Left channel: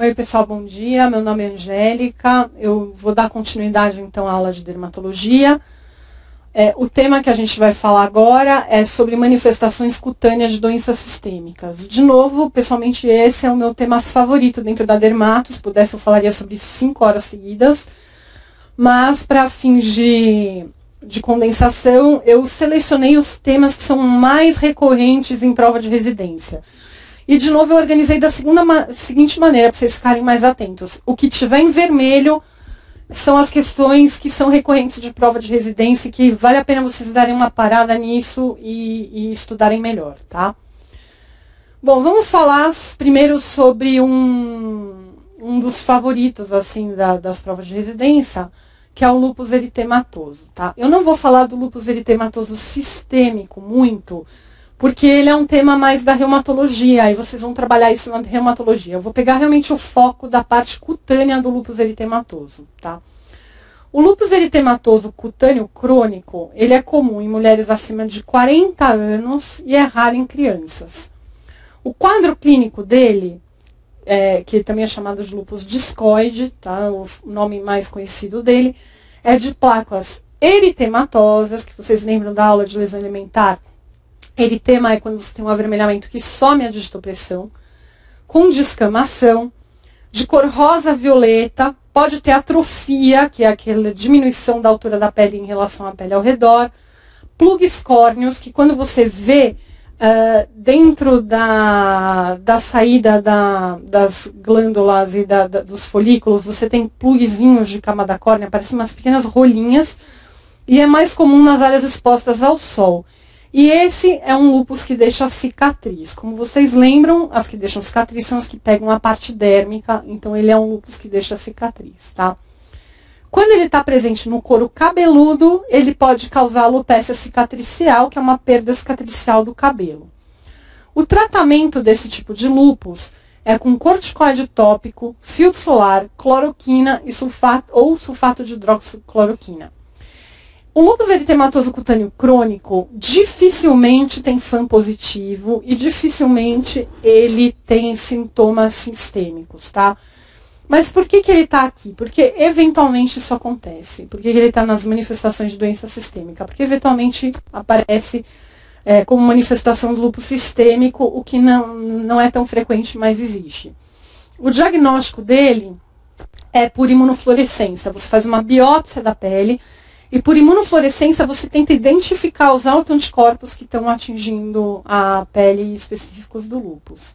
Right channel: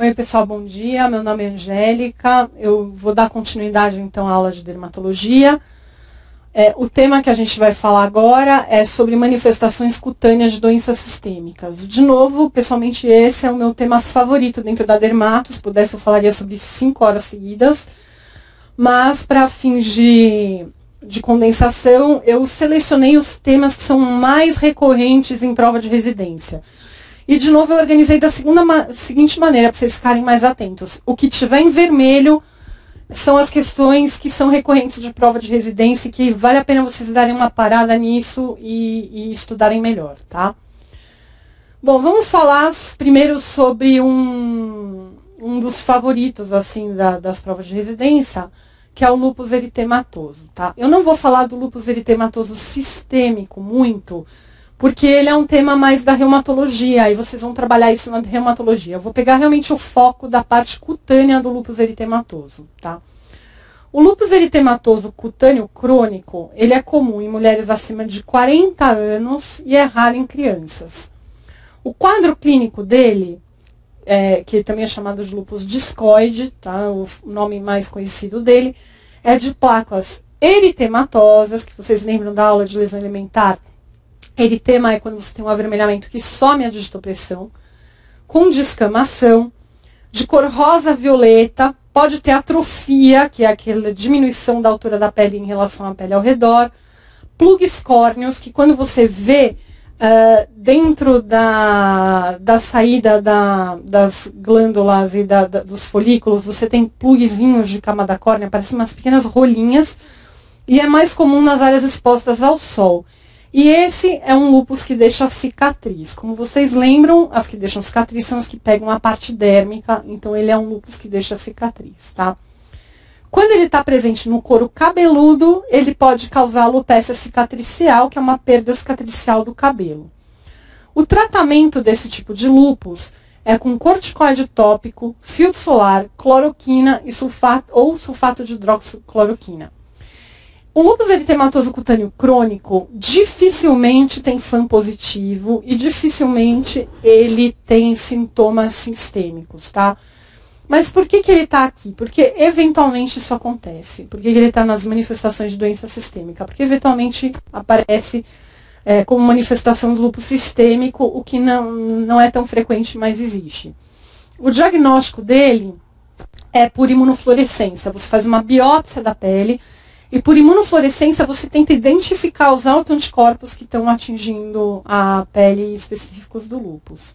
Oi pessoal, bom dia, meu nome é Angélica, eu vou dar continuidade então à aula de dermatologia. O tema que a gente vai falar agora é sobre manifestações cutâneas de doenças sistêmicas. De novo, pessoalmente esse é o meu tema favorito dentro da dermato, se pudesse eu falaria sobre 5 horas seguidas, mas para fins de condensação eu selecionei os temas que são mais recorrentes em prova de residência. E, de novo, eu organizei da seguinte maneira, para vocês ficarem mais atentos. O que tiver em vermelho são as questões que são recorrentes de prova de residência e que vale a pena vocês darem uma parada nisso e estudarem melhor, tá? Bom, vamos falar primeiro sobre um dos favoritos, assim, das provas de residência, que é o lúpus eritematoso, tá? Eu não vou falar do lúpus eritematoso sistêmico muito, porque ele é um tema mais da reumatologia, e vocês vão trabalhar isso na reumatologia. Eu vou pegar realmente o foco da parte cutânea do lúpus eritematoso, tá? O lúpus eritematoso cutâneo crônico, ele é comum em mulheres acima de 40 anos e é raro em crianças. O quadro clínico dele, que também é chamado de lúpus discoide, tá? O nome mais conhecido dele, é de placas eritematosas, que vocês lembram da aula de lesão elementar. Eritema é quando você tem um avermelhamento que some a digitopressão, com descamação, de cor rosa-violeta, pode ter atrofia, que é aquela diminuição da altura da pele em relação à pele ao redor, plugs córneos, que quando você vê dentro da saída das glândulas e dos folículos, você tem plugzinhos de cama da córnea, parecem umas pequenas rolinhas, e é mais comum nas áreas expostas ao sol. E esse é um lúpus que deixa cicatriz. Como vocês lembram, as que deixam cicatriz são as que pegam a parte dérmica, então ele é um lúpus que deixa cicatriz, tá? Quando ele está presente no couro cabeludo, ele pode causar alopecia cicatricial, que é uma perda cicatricial do cabelo. O tratamento desse tipo de lúpus é com corticoide tópico, filtro solar, cloroquina e sulfato de hidroxicloroquina. O lúpus eritematoso cutâneo crônico dificilmente tem FAM positivo e dificilmente ele tem sintomas sistêmicos, tá? Mas por que ele está aqui? Porque eventualmente isso acontece. Por que ele está nas manifestações de doença sistêmica? Porque eventualmente aparece como manifestação do lúpus sistêmico, o que não é tão frequente, mas existe. O diagnóstico dele é por imunofluorescência. Você faz uma biópsia da pele, e por imunofluorescência você tenta identificar os autoanticorpos que estão atingindo a pele específicos do lúpus.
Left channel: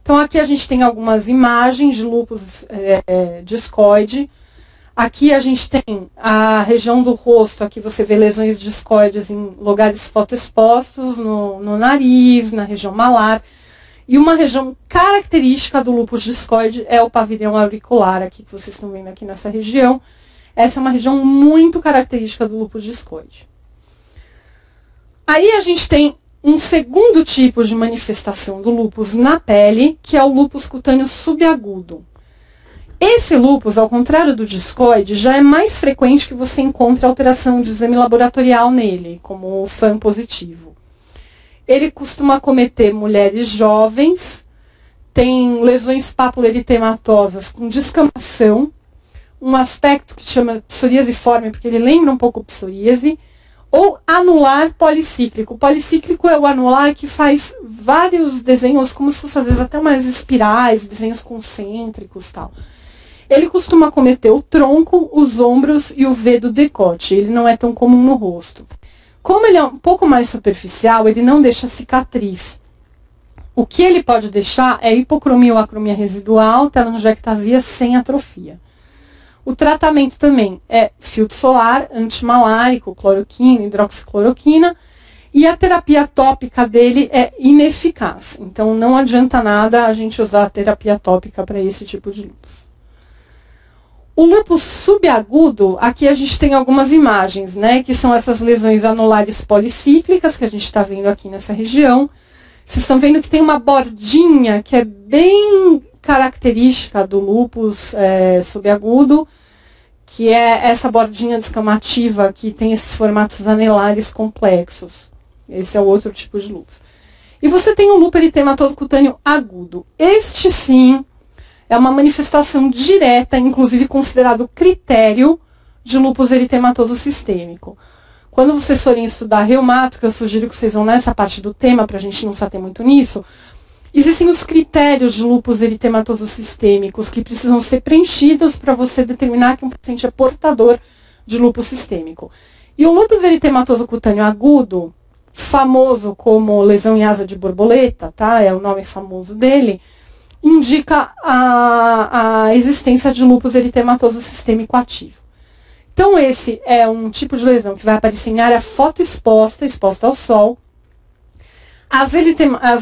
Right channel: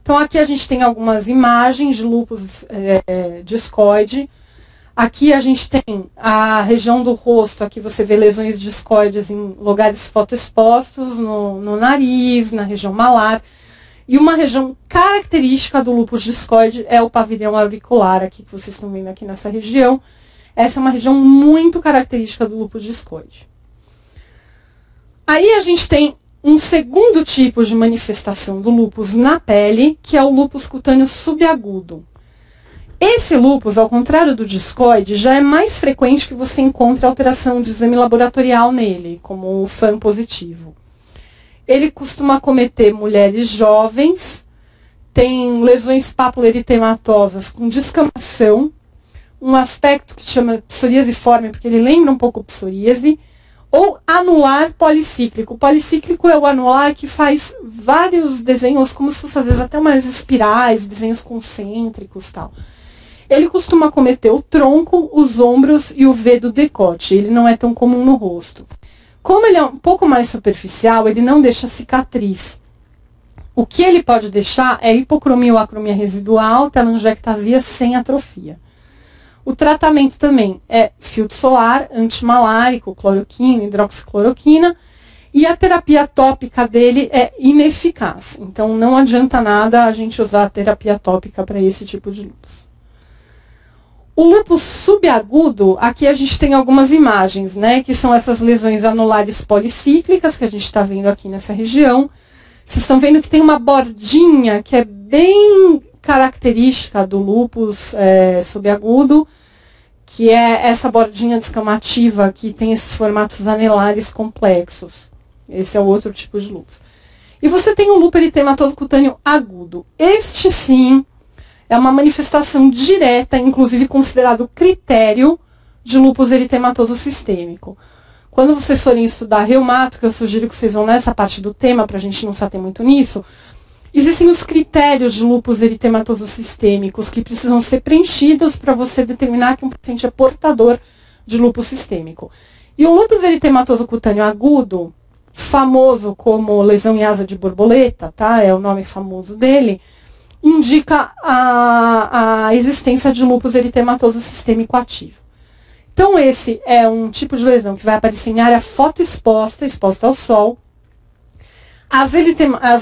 Então aqui a gente tem algumas imagens de lúpus discoide. Aqui a gente tem a região do rosto, aqui você vê lesões discoides em lugares fotoexpostos, no nariz, na região malar. E uma região característica do lúpus discoide é o pavilhão auricular, aqui que vocês estão vendo aqui nessa região. Essa é uma região muito característica do lúpus discoide. Aí a gente tem um segundo tipo de manifestação do lúpus na pele, que é o lúpus cutâneo subagudo. Esse lúpus, ao contrário do discoide, já é mais frequente que você encontre alteração de exame laboratorial nele, como o FAM positivo. Ele costuma acometer mulheres jovens, tem lesões papuloeritematosas com descamação, um aspecto que se chama psoríasiforme, porque ele lembra um pouco psoríase, ou anular policíclico. O policíclico é o anular que faz vários desenhos, como se fosse às vezes até umas espirais, desenhos concêntricos e tal. Ele costuma acometer o tronco, os ombros e o V do decote. Ele não é tão comum no rosto. Como ele é um pouco mais superficial, ele não deixa cicatriz. O que ele pode deixar é hipocromia ou acromia residual, telangiectasia sem atrofia. O tratamento também é filtro solar, antimalárico, cloroquina, hidroxicloroquina, e a terapia tópica dele é ineficaz. Então, não adianta nada a gente usar a terapia tópica para esse tipo de lúpus. O lúpus subagudo, aqui a gente tem algumas imagens, né, que são essas lesões anulares policíclicas que a gente está vendo aqui nessa região. Vocês estão vendo que tem uma bordinha que é bem característica do lúpus subagudo, que é essa bordinha descamativa que tem esses formatos anelares complexos. Esse é o outro tipo de lúpus. E você tem o lúpus eritematoso cutâneo agudo. Este sim é uma manifestação direta, inclusive considerado critério de lúpus eritematoso sistêmico. Quando vocês forem estudar reumato, que eu sugiro que vocês vão nessa parte do tema, para a gente não se ater muito nisso, existem os critérios de lúpus eritematoso sistêmicos que precisam ser preenchidos para você determinar que um paciente é portador de lúpus sistêmico. E o lúpus eritematoso cutâneo agudo, famoso como lesão em asa de borboleta, tá? É o nome famoso dele, indica a existência de lúpus eritematoso sistêmico ativo. Então, esse é um tipo de lesão que vai aparecer em área fotoexposta, exposta ao sol. As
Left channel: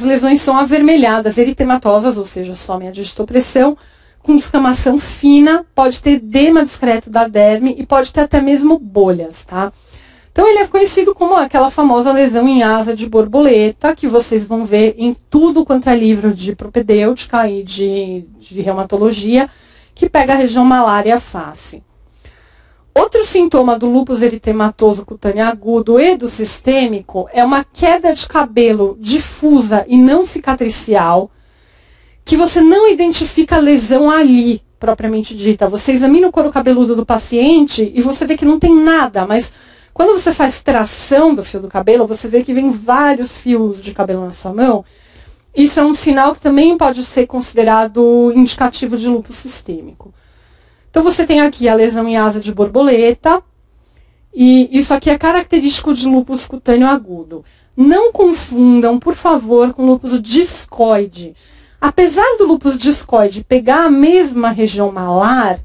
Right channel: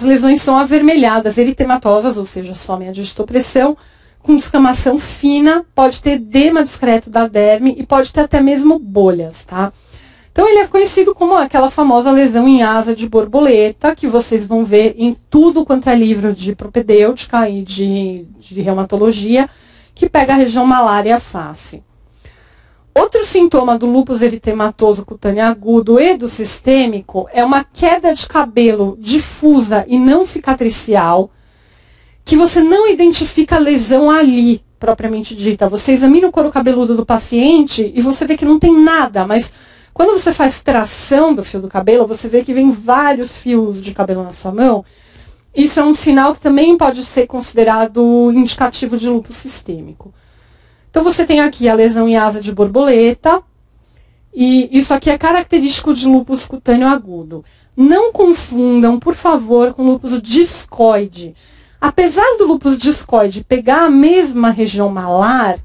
lesões são avermelhadas, eritematosas, ou seja, somem a digitopressão, com descamação fina, pode ter edema discreto da derme e pode ter até mesmo bolhas, tá? Então, ele é conhecido como aquela famosa lesão em asa de borboleta, que vocês vão ver em tudo quanto é livro de propedêutica e de reumatologia, que pega a região malar e a face. Outro sintoma do lúpus eritematoso cutâneo agudo e do sistêmico é uma queda de cabelo difusa e não cicatricial, que você não identifica a lesão ali, propriamente dita. Você examina o couro cabeludo do paciente e você vê que não tem nada, mas quando você faz tração do fio do cabelo, você vê que vem vários fios de cabelo na sua mão. Isso é um sinal que também pode ser considerado indicativo de lúpus sistêmico. Então, você tem aqui a lesão em asa de borboleta, e isso aqui é característico de lúpus cutâneo agudo. Não confundam, por favor, com lúpus discoide. Apesar do lúpus discoide pegar a mesma região malar,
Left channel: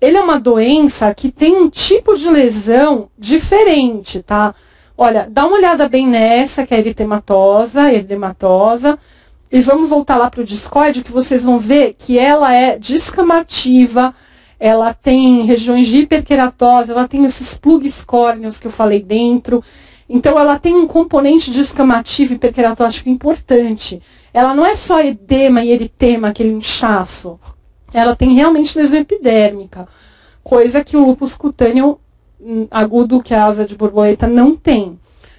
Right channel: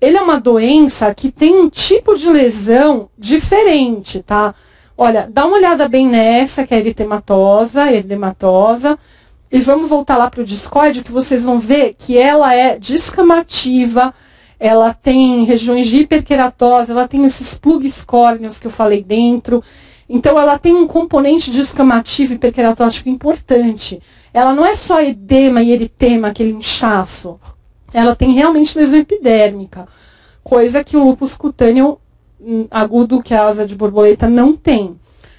ele é uma doença que tem um tipo de lesão diferente, tá? Olha, dá uma olhada bem nessa, que é eritematosa, e vamos voltar lá para o discoide, que vocês vão ver que ela é descamativa, ela tem regiões de hiperqueratose, ela tem esses plugs córneos que eu falei dentro. Então, ela tem um componente descamativo hiperqueratótico importante. Ela não é só edema e eritema, aquele inchaço. Ela tem realmente lesão epidérmica, coisa que o lúpus cutâneo agudo, que é a asa de borboleta, não tem.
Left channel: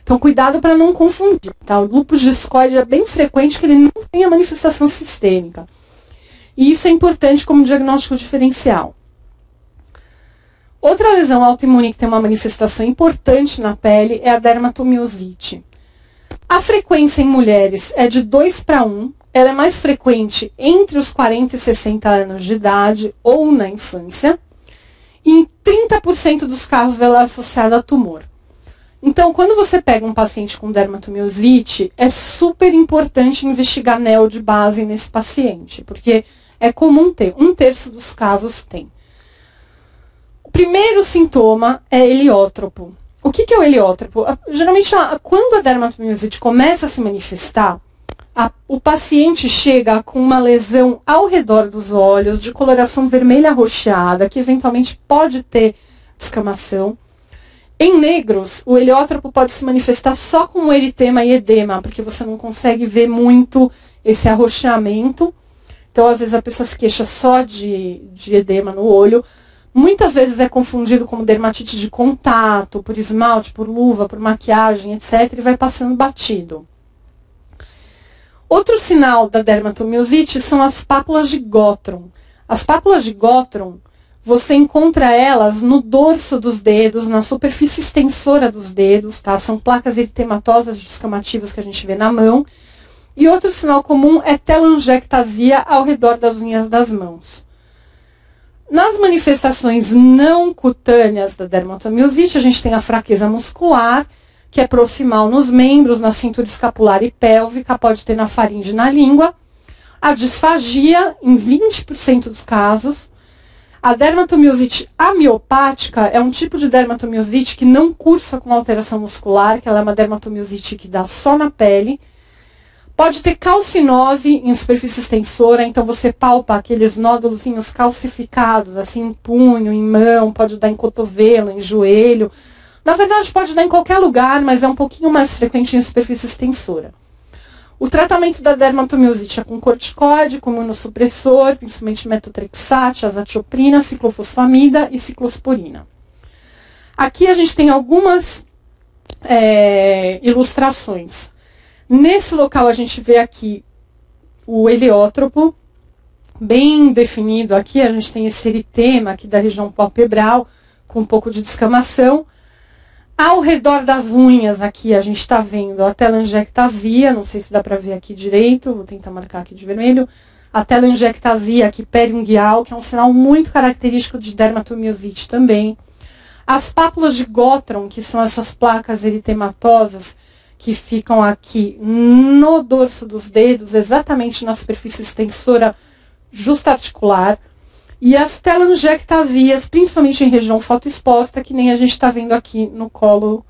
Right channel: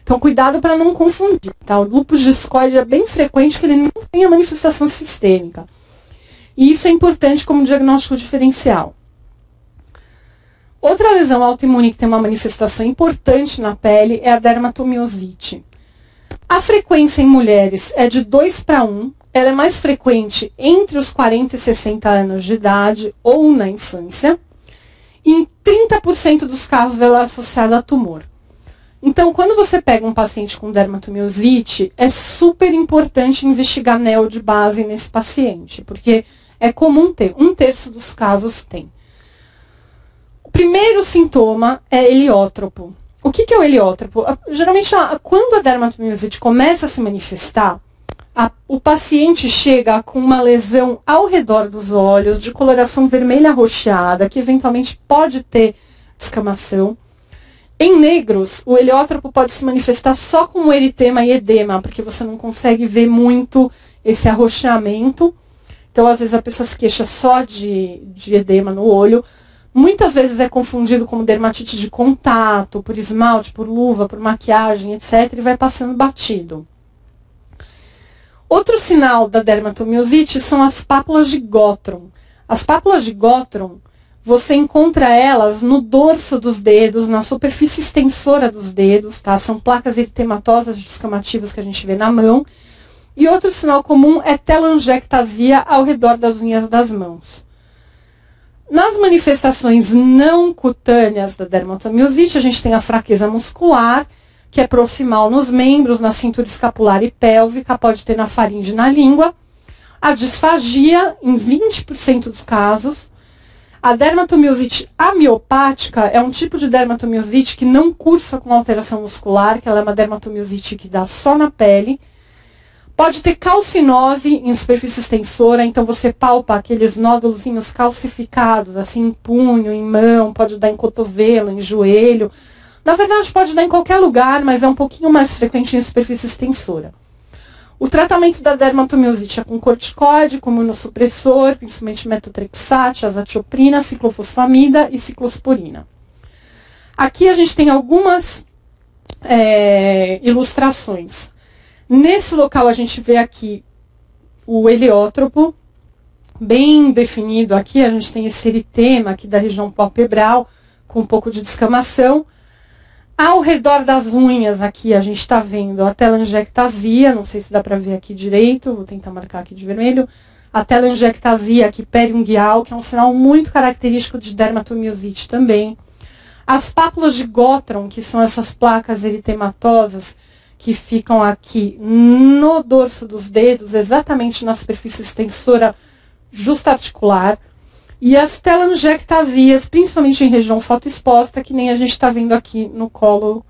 Então, cuidado para não confundir, tá? O lúpus discoide é bem frequente que ele não tem a manifestação sistêmica. E isso é importante como diagnóstico diferencial. Outra lesão autoimune que tem uma manifestação importante na pele é a dermatomiosite. A frequência em mulheres é de 2 para 1. Ela é mais frequente entre os 40 e 60 anos de idade ou na infância. E em 30% dos casos ela é associada a tumor. Então, quando você pega um paciente com dermatomiosite, é super importante investigar NEL de base nesse paciente, porque é comum ter, 1/3 dos casos tem. O primeiro sintoma é heliótropo. O que é o heliótropo? Geralmente, quando a dermatomiosite começa a se manifestar, o paciente chega com uma lesão ao redor dos olhos, de coloração vermelha arroxeada, que eventualmente pode ter descamação. Em negros, o heliótropo pode se manifestar só com eritema e edema, porque você não consegue ver muito esse arroxeamento. Então, às vezes, a pessoa se queixa só de edema no olho. Muitas vezes é confundido como dermatite de contato, por esmalte, por luva, por maquiagem, etc. E vai passando batido. Outro sinal da dermatomiosite são as pápulas de Gottron. As pápulas de Gottron, você encontra elas no dorso dos dedos, na superfície extensora dos dedos, tá? São placas eritematosas descamativas que a gente vê na mão. E outro sinal comum é telangiectasia ao redor das unhas das mãos. Nas manifestações não cutâneas da dermatomiosite, a gente tem a fraqueza muscular, que é proximal nos membros, na cintura escapular e pélvica, pode ter na faringe e na língua. A disfagia, em 20% dos casos. A dermatomiosite amiopática é um tipo de dermatomiosite que não cursa com alteração muscular, que ela é uma dermatomiosite que dá só na pele. Pode ter calcinose em superfície extensora, então você palpa aqueles nódulozinhos calcificados, assim, em punho, em mão, pode dar em cotovelo, em joelho. Na verdade, pode dar em qualquer lugar, mas é um pouquinho mais frequente em superfície extensora. O tratamento da dermatomiosite é com corticoide, com imunossupressor, principalmente metotrexate, azatioprina, ciclofosfamida e ciclosporina. Aqui a gente tem algumas ilustrações. Nesse local a gente vê aqui o heliótropo, bem definido aqui. A gente tem esse eritema aqui da região palpebral, com um pouco de descamação. Ao redor das unhas aqui, a gente está vendo a telangiectasia, não sei se dá para ver aqui direito, vou tentar marcar aqui de vermelho. A telangiectasia aqui periungueal, que é um sinal muito característico de dermatomiosite também. As pápulas de Gottron, que são essas placas eritematosas, que ficam aqui no dorso dos dedos, exatamente na superfície extensora justa-articular. E as telangiectasias, principalmente em região fotoexposta, que nem a gente está vendo aqui no colo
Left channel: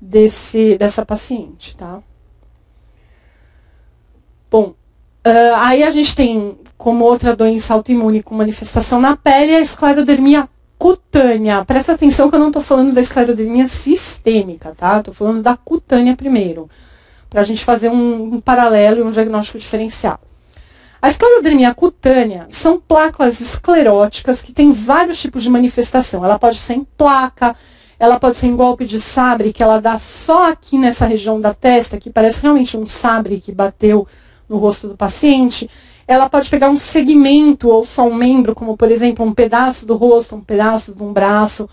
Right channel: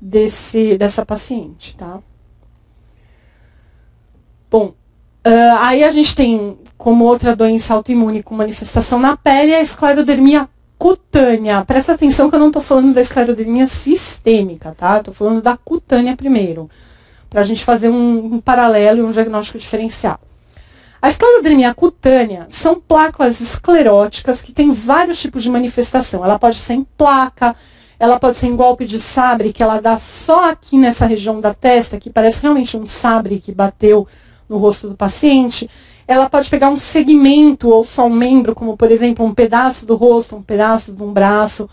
dessa paciente, tá? Bom, aí a gente tem como outra doença autoimune com manifestação na pele a esclerodermia cutânea. Presta atenção que eu não estou falando da esclerodermia sistêmica, tá? Estou falando da cutânea primeiro, para a gente fazer um paralelo e um diagnóstico diferencial. A esclerodermia cutânea são placas escleróticas que têm vários tipos de manifestação. Ela pode ser em placa, ela pode ser em golpe de sabre, que ela dá só aqui nessa região da testa, que parece realmente um sabre que bateu no rosto do paciente. Ela pode pegar um segmento ou só um membro, como por exemplo um pedaço do rosto, um pedaço de um braço.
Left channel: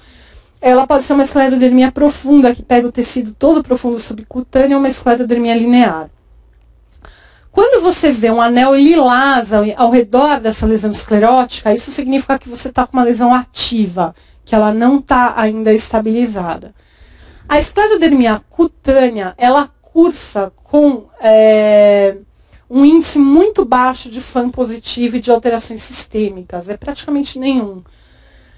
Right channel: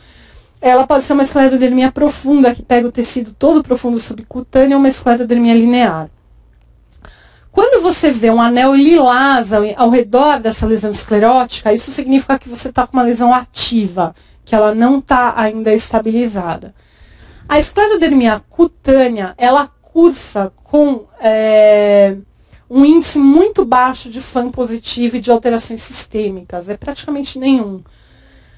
Ela pode ser uma esclerodermia profunda, que pega o tecido todo profundo subcutâneo, ou uma esclerodermia linear. Quando você vê um anel lilás ao redor dessa lesão esclerótica, isso significa que você está com uma lesão ativa, que ela não está ainda estabilizada. A esclerodermia cutânea, ela cursa com um índice muito baixo de FAM positivo e de alterações sistêmicas, é praticamente nenhum.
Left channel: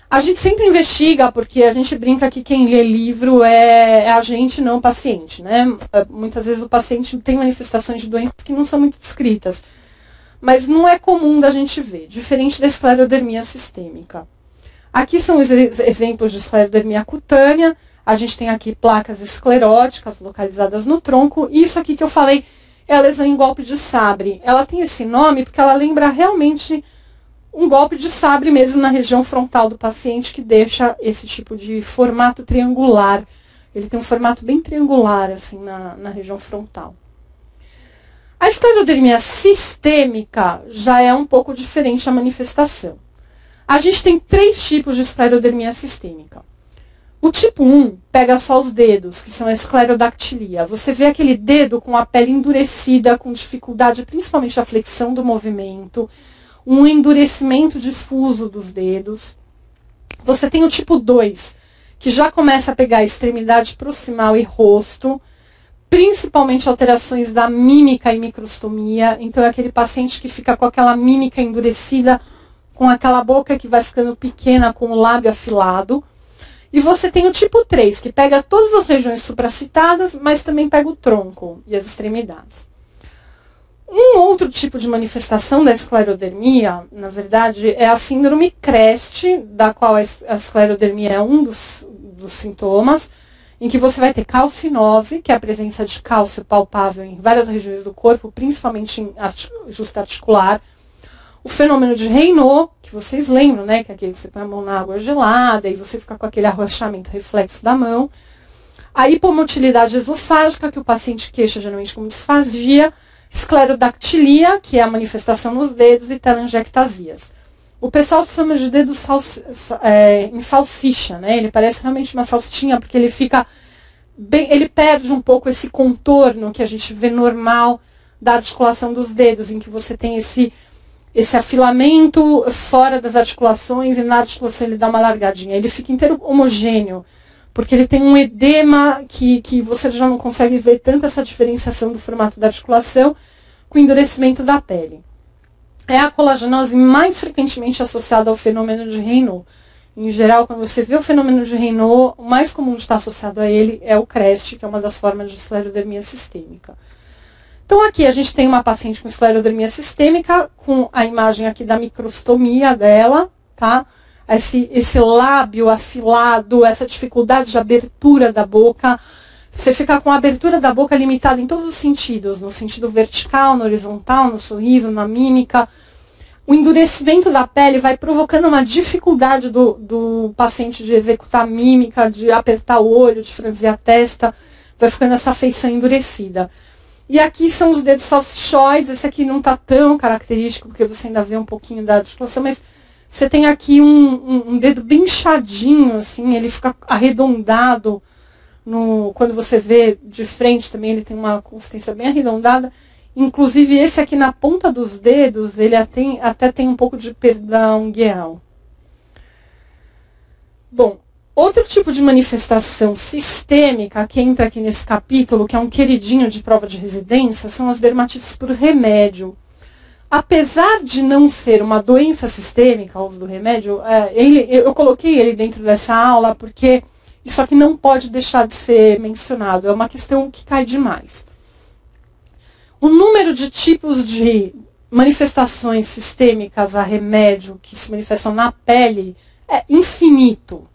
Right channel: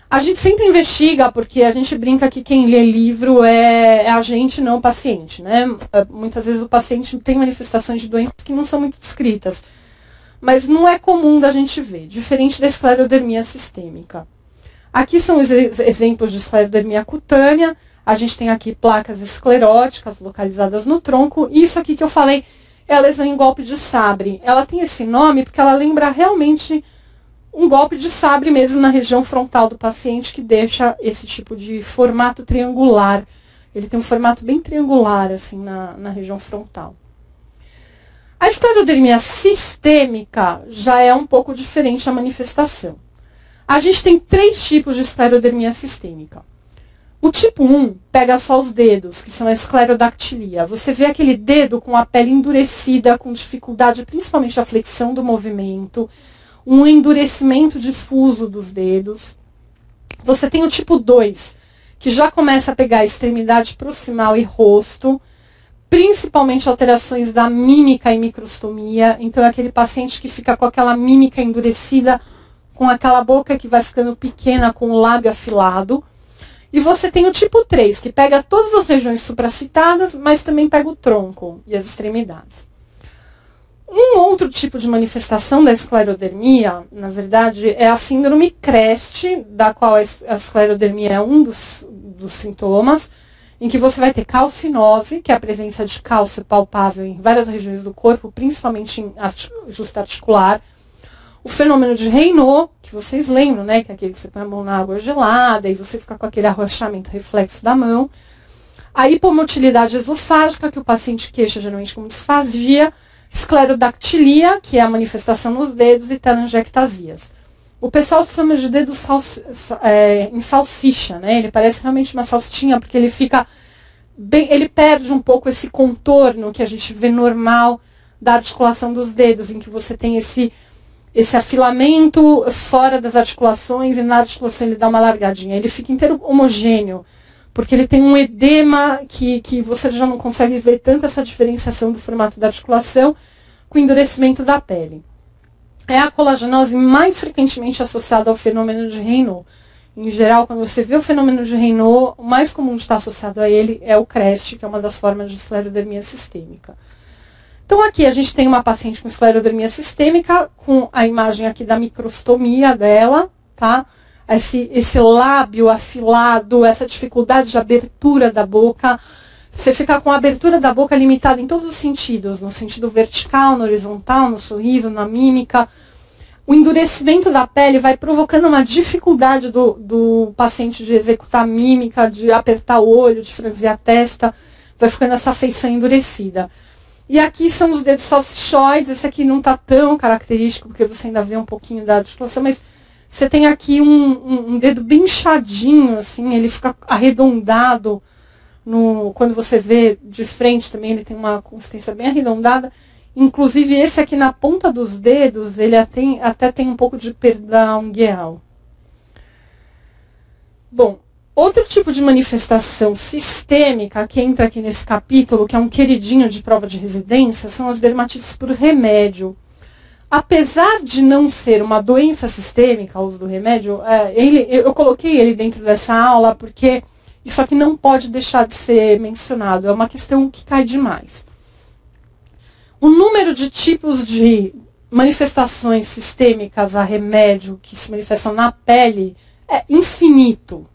A gente sempre investiga, porque a gente brinca que quem lê livro é a gente, não o paciente, né? Muitas vezes o paciente tem manifestações de doenças que não são muito descritas, mas não é comum da gente ver, diferente da esclerodermia sistêmica. Aqui são os exemplos de esclerodermia cutânea. A gente tem aqui placas escleróticas localizadas no tronco. Isso aqui que eu falei é a lesão em golpe de sabre. Ela tem esse nome porque ela lembra realmente um golpe de sabre mesmo na região frontal do paciente, que deixa esse tipo de formato triangular. Ele tem um formato bem triangular assim na região frontal. A esclerodermia sistêmica já é um pouco diferente a manifestação. A gente tem 3 tipos de esclerodermia sistêmica. O tipo 1 pega só os dedos, que são a esclerodactilia. Você vê aquele dedo com a pele endurecida, com dificuldade principalmente da flexão do movimento, um endurecimento difuso dos dedos. Você tem o tipo 2, que já começa a pegar a extremidade proximal e rosto, principalmente alterações da mímica e microstomia. Então é aquele paciente que fica com aquela mímica endurecida, com aquela boca que vai ficando pequena, com o lábio afilado. E você tem o tipo 3, que pega todas as regiões supracitadas, mas também pega o tronco e as extremidades. Um outro tipo de manifestação da esclerodermia, na verdade, é a síndrome CREST, da qual a esclerodermia é um dos sintomas, em que você vai ter calcinose, que é a presença de cálcio palpável em várias regiões do corpo, principalmente em justa articular. O fenômeno de Raynaud, que vocês lembram, né, que é aquele que você põe a mão na água gelada e você fica com aquele arrochamento reflexo da mão. A hipomotilidade esofágica, que o paciente queixa geralmente como disfagia. Esclerodactilia, que é a manifestação nos dedos, e telangiectasias. O pessoal chama de dedo em salsicha, né? Ele parece realmente uma salsichinha, porque ele fica bem, ele perde um pouco esse contorno que a gente vê normal da articulação dos dedos, em que você tem esse afilamento fora das articulações, e na articulação ele dá uma largadinha. Ele fica inteiro homogêneo, porque ele tem um edema que você já não consegue ver tanto essa diferenciação do formato da articulação com o endurecimento da pele. É a colagenose mais frequentemente associada ao fenômeno de Raynaud. Em geral, quando você vê o fenômeno de Raynaud, o mais comum de estar associado a ele é o CREST, que é uma das formas de esclerodermia sistêmica. Então aqui a gente tem uma paciente com esclerodermia sistêmica, com a imagem aqui da microstomia dela, tá? Esse lábio afilado, essa dificuldade de abertura da boca. Você fica com a abertura da boca limitada em todos os sentidos, no sentido vertical, no horizontal, no sorriso, na mímica. O endurecimento da pele vai provocando uma dificuldade do paciente de executar a mímica, de apertar o olho, de franzir a testa, vai ficando essa feição endurecida. E aqui são os dedos salsichoides. Esse aqui não está tão característico, porque você ainda vê um pouquinho da articulação, mas você tem aqui um dedo bem inchadinho, assim, ele fica arredondado. Quando você vê de frente também, ele tem uma consistência bem arredondada. Inclusive, esse aqui na ponta dos dedos, ele até tem um pouco de perda ungueal. Bom, outro tipo de manifestação sistêmica que entra aqui nesse capítulo, que é um queridinho de prova de residência, são as dermatites por remédio. Apesar de não ser uma doença sistêmica, o uso do remédio, eu coloquei ele dentro dessa aula porque isso aqui não pode deixar de ser mencionado. É uma questão que cai demais. O número de tipos de manifestações sistêmicas a remédio que se manifestam na pele é infinito.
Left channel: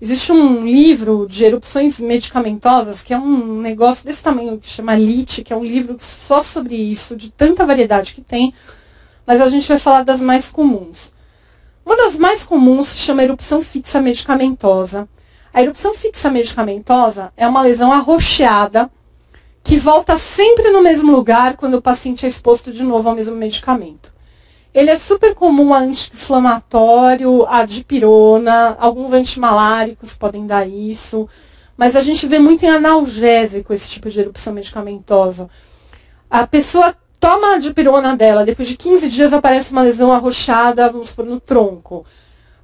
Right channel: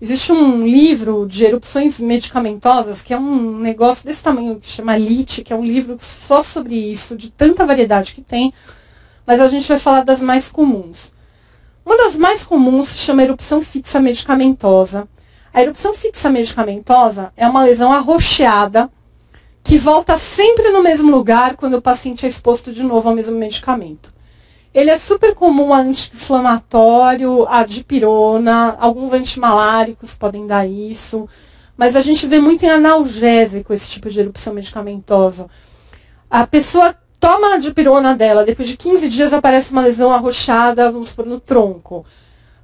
Existe um livro de erupções medicamentosas, que é um negócio desse tamanho, que chama LIT, que é um livro só sobre isso, de tanta variedade que tem, mas a gente vai falar das mais comuns. Uma das mais comuns se chama erupção fixa medicamentosa. A erupção fixa medicamentosa é uma lesão arroxeada que volta sempre no mesmo lugar quando o paciente é exposto de novo ao mesmo medicamento. Ele é super comum a anti-inflamatório, a dipirona, alguns antimaláricos podem dar isso, mas a gente vê muito em analgésico esse tipo de erupção medicamentosa. A pessoa toma a dipirona dela, depois de 15 dias aparece uma lesão arroxeada, vamos supor, no tronco.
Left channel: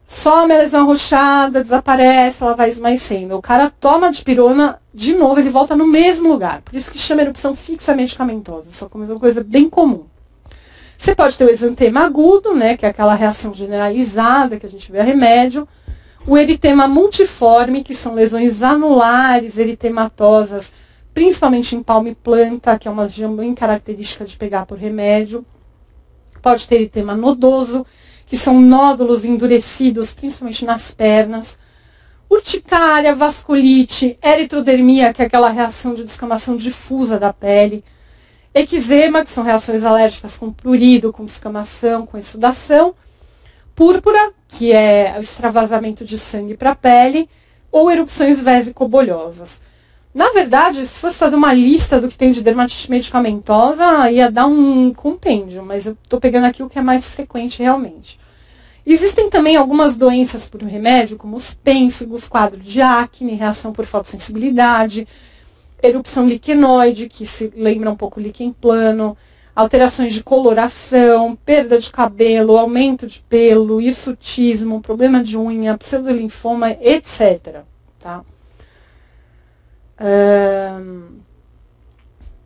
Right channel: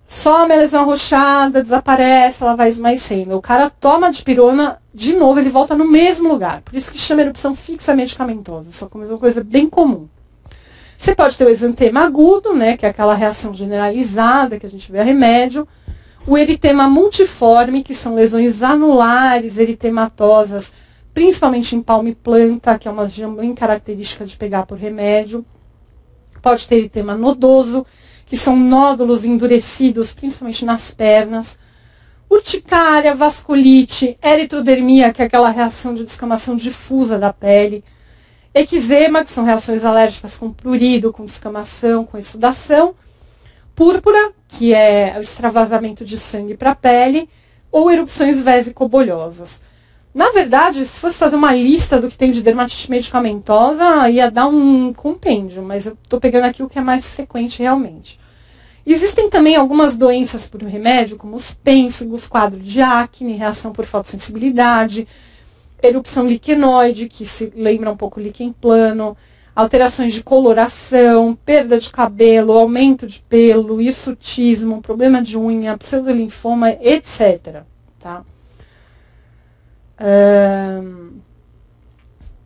Some a lesão arroxeada, desaparece, ela vai esmaecendo. O cara toma a dipirona, de novo, ele volta no mesmo lugar. Por isso que chama erupção fixa medicamentosa. Só que é uma coisa bem comum. Você pode ter o exantema agudo, né, que é aquela reação generalizada que a gente vê a remédio. O eritema multiforme, que são lesões anulares, eritematosas, principalmente em palma e planta, que é uma região bem característica de pegar por remédio. Pode ter eritema nodoso, que são nódulos endurecidos, principalmente nas pernas. Urticária, vasculite, eritrodermia, que é aquela reação de descamação difusa da pele. Eczema, que são reações alérgicas com prurido, com descamação, com exsudação. Púrpura, que é o extravasamento de sangue para a pele. Ou erupções vesicobolhosas. Na verdade, se fosse fazer uma lista do que tem de dermatite medicamentosa, ia dar um compêndio, mas eu estou pegando aqui o que é mais frequente realmente. Existem também algumas doenças por remédio, como os pênfigos, quadro de acne, reação por fotossensibilidade, erupção liquenoide, que se lembra um pouco líquen plano, alterações de coloração, perda de cabelo, aumento de pelo, hirsutismo, problema de unha, pseudolinfoma, etc. Tá?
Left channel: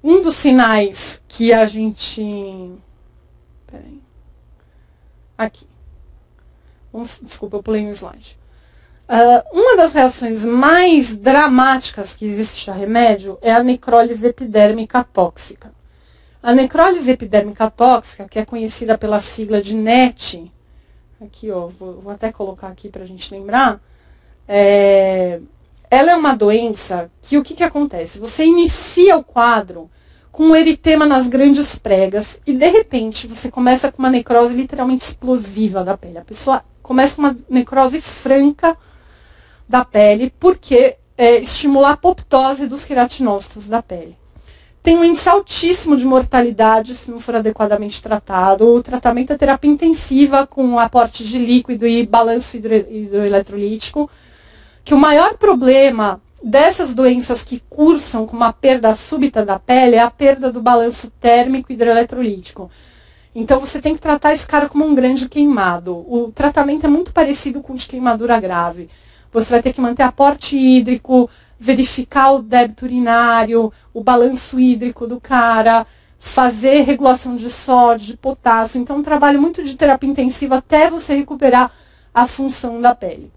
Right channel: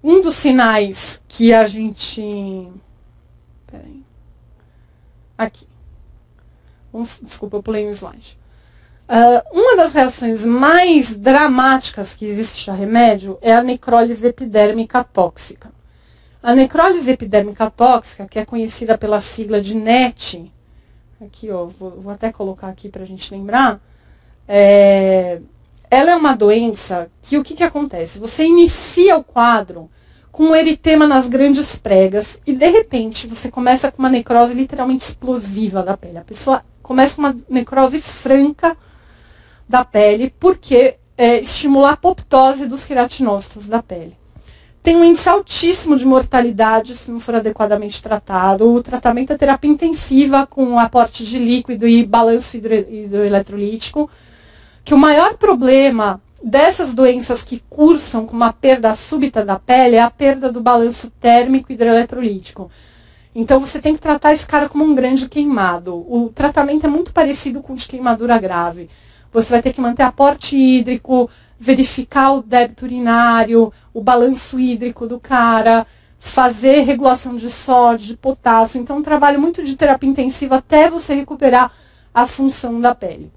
Um dos sinais que a gente... Peraí. Aqui. Desculpa, eu pulei um slide. Uma das reações mais dramáticas que existe a remédio é a necrólise epidérmica tóxica. A necrólise epidérmica tóxica, que é conhecida pela sigla de NET, aqui ó, vou até colocar aqui para a gente lembrar, ela é uma doença que o que acontece? Você inicia o quadro com um eritema nas grandes pregas e de repente você começa com uma necrose literalmente explosiva da pele. A pessoa começa com uma necrose franca da pele, porque estimula a apoptose dos queratinócitos da pele. Tem um índice altíssimo de mortalidade se não for adequadamente tratado. O tratamento é terapia intensiva com aporte de líquido e balanço hidroeletrolítico, que o maior problema dessas doenças que cursam com uma perda súbita da pele é a perda do balanço térmico hidroeletrolítico. Então você tem que tratar esse cara como um grande queimado. O tratamento é muito parecido com o de queimadura grave. Você vai ter que manter aporte hídrico, verificar o débito urinário, o balanço hídrico do cara, fazer regulação de sódio, de potássio. Então, um trabalho muito de terapia intensiva até você recuperar a função da pele.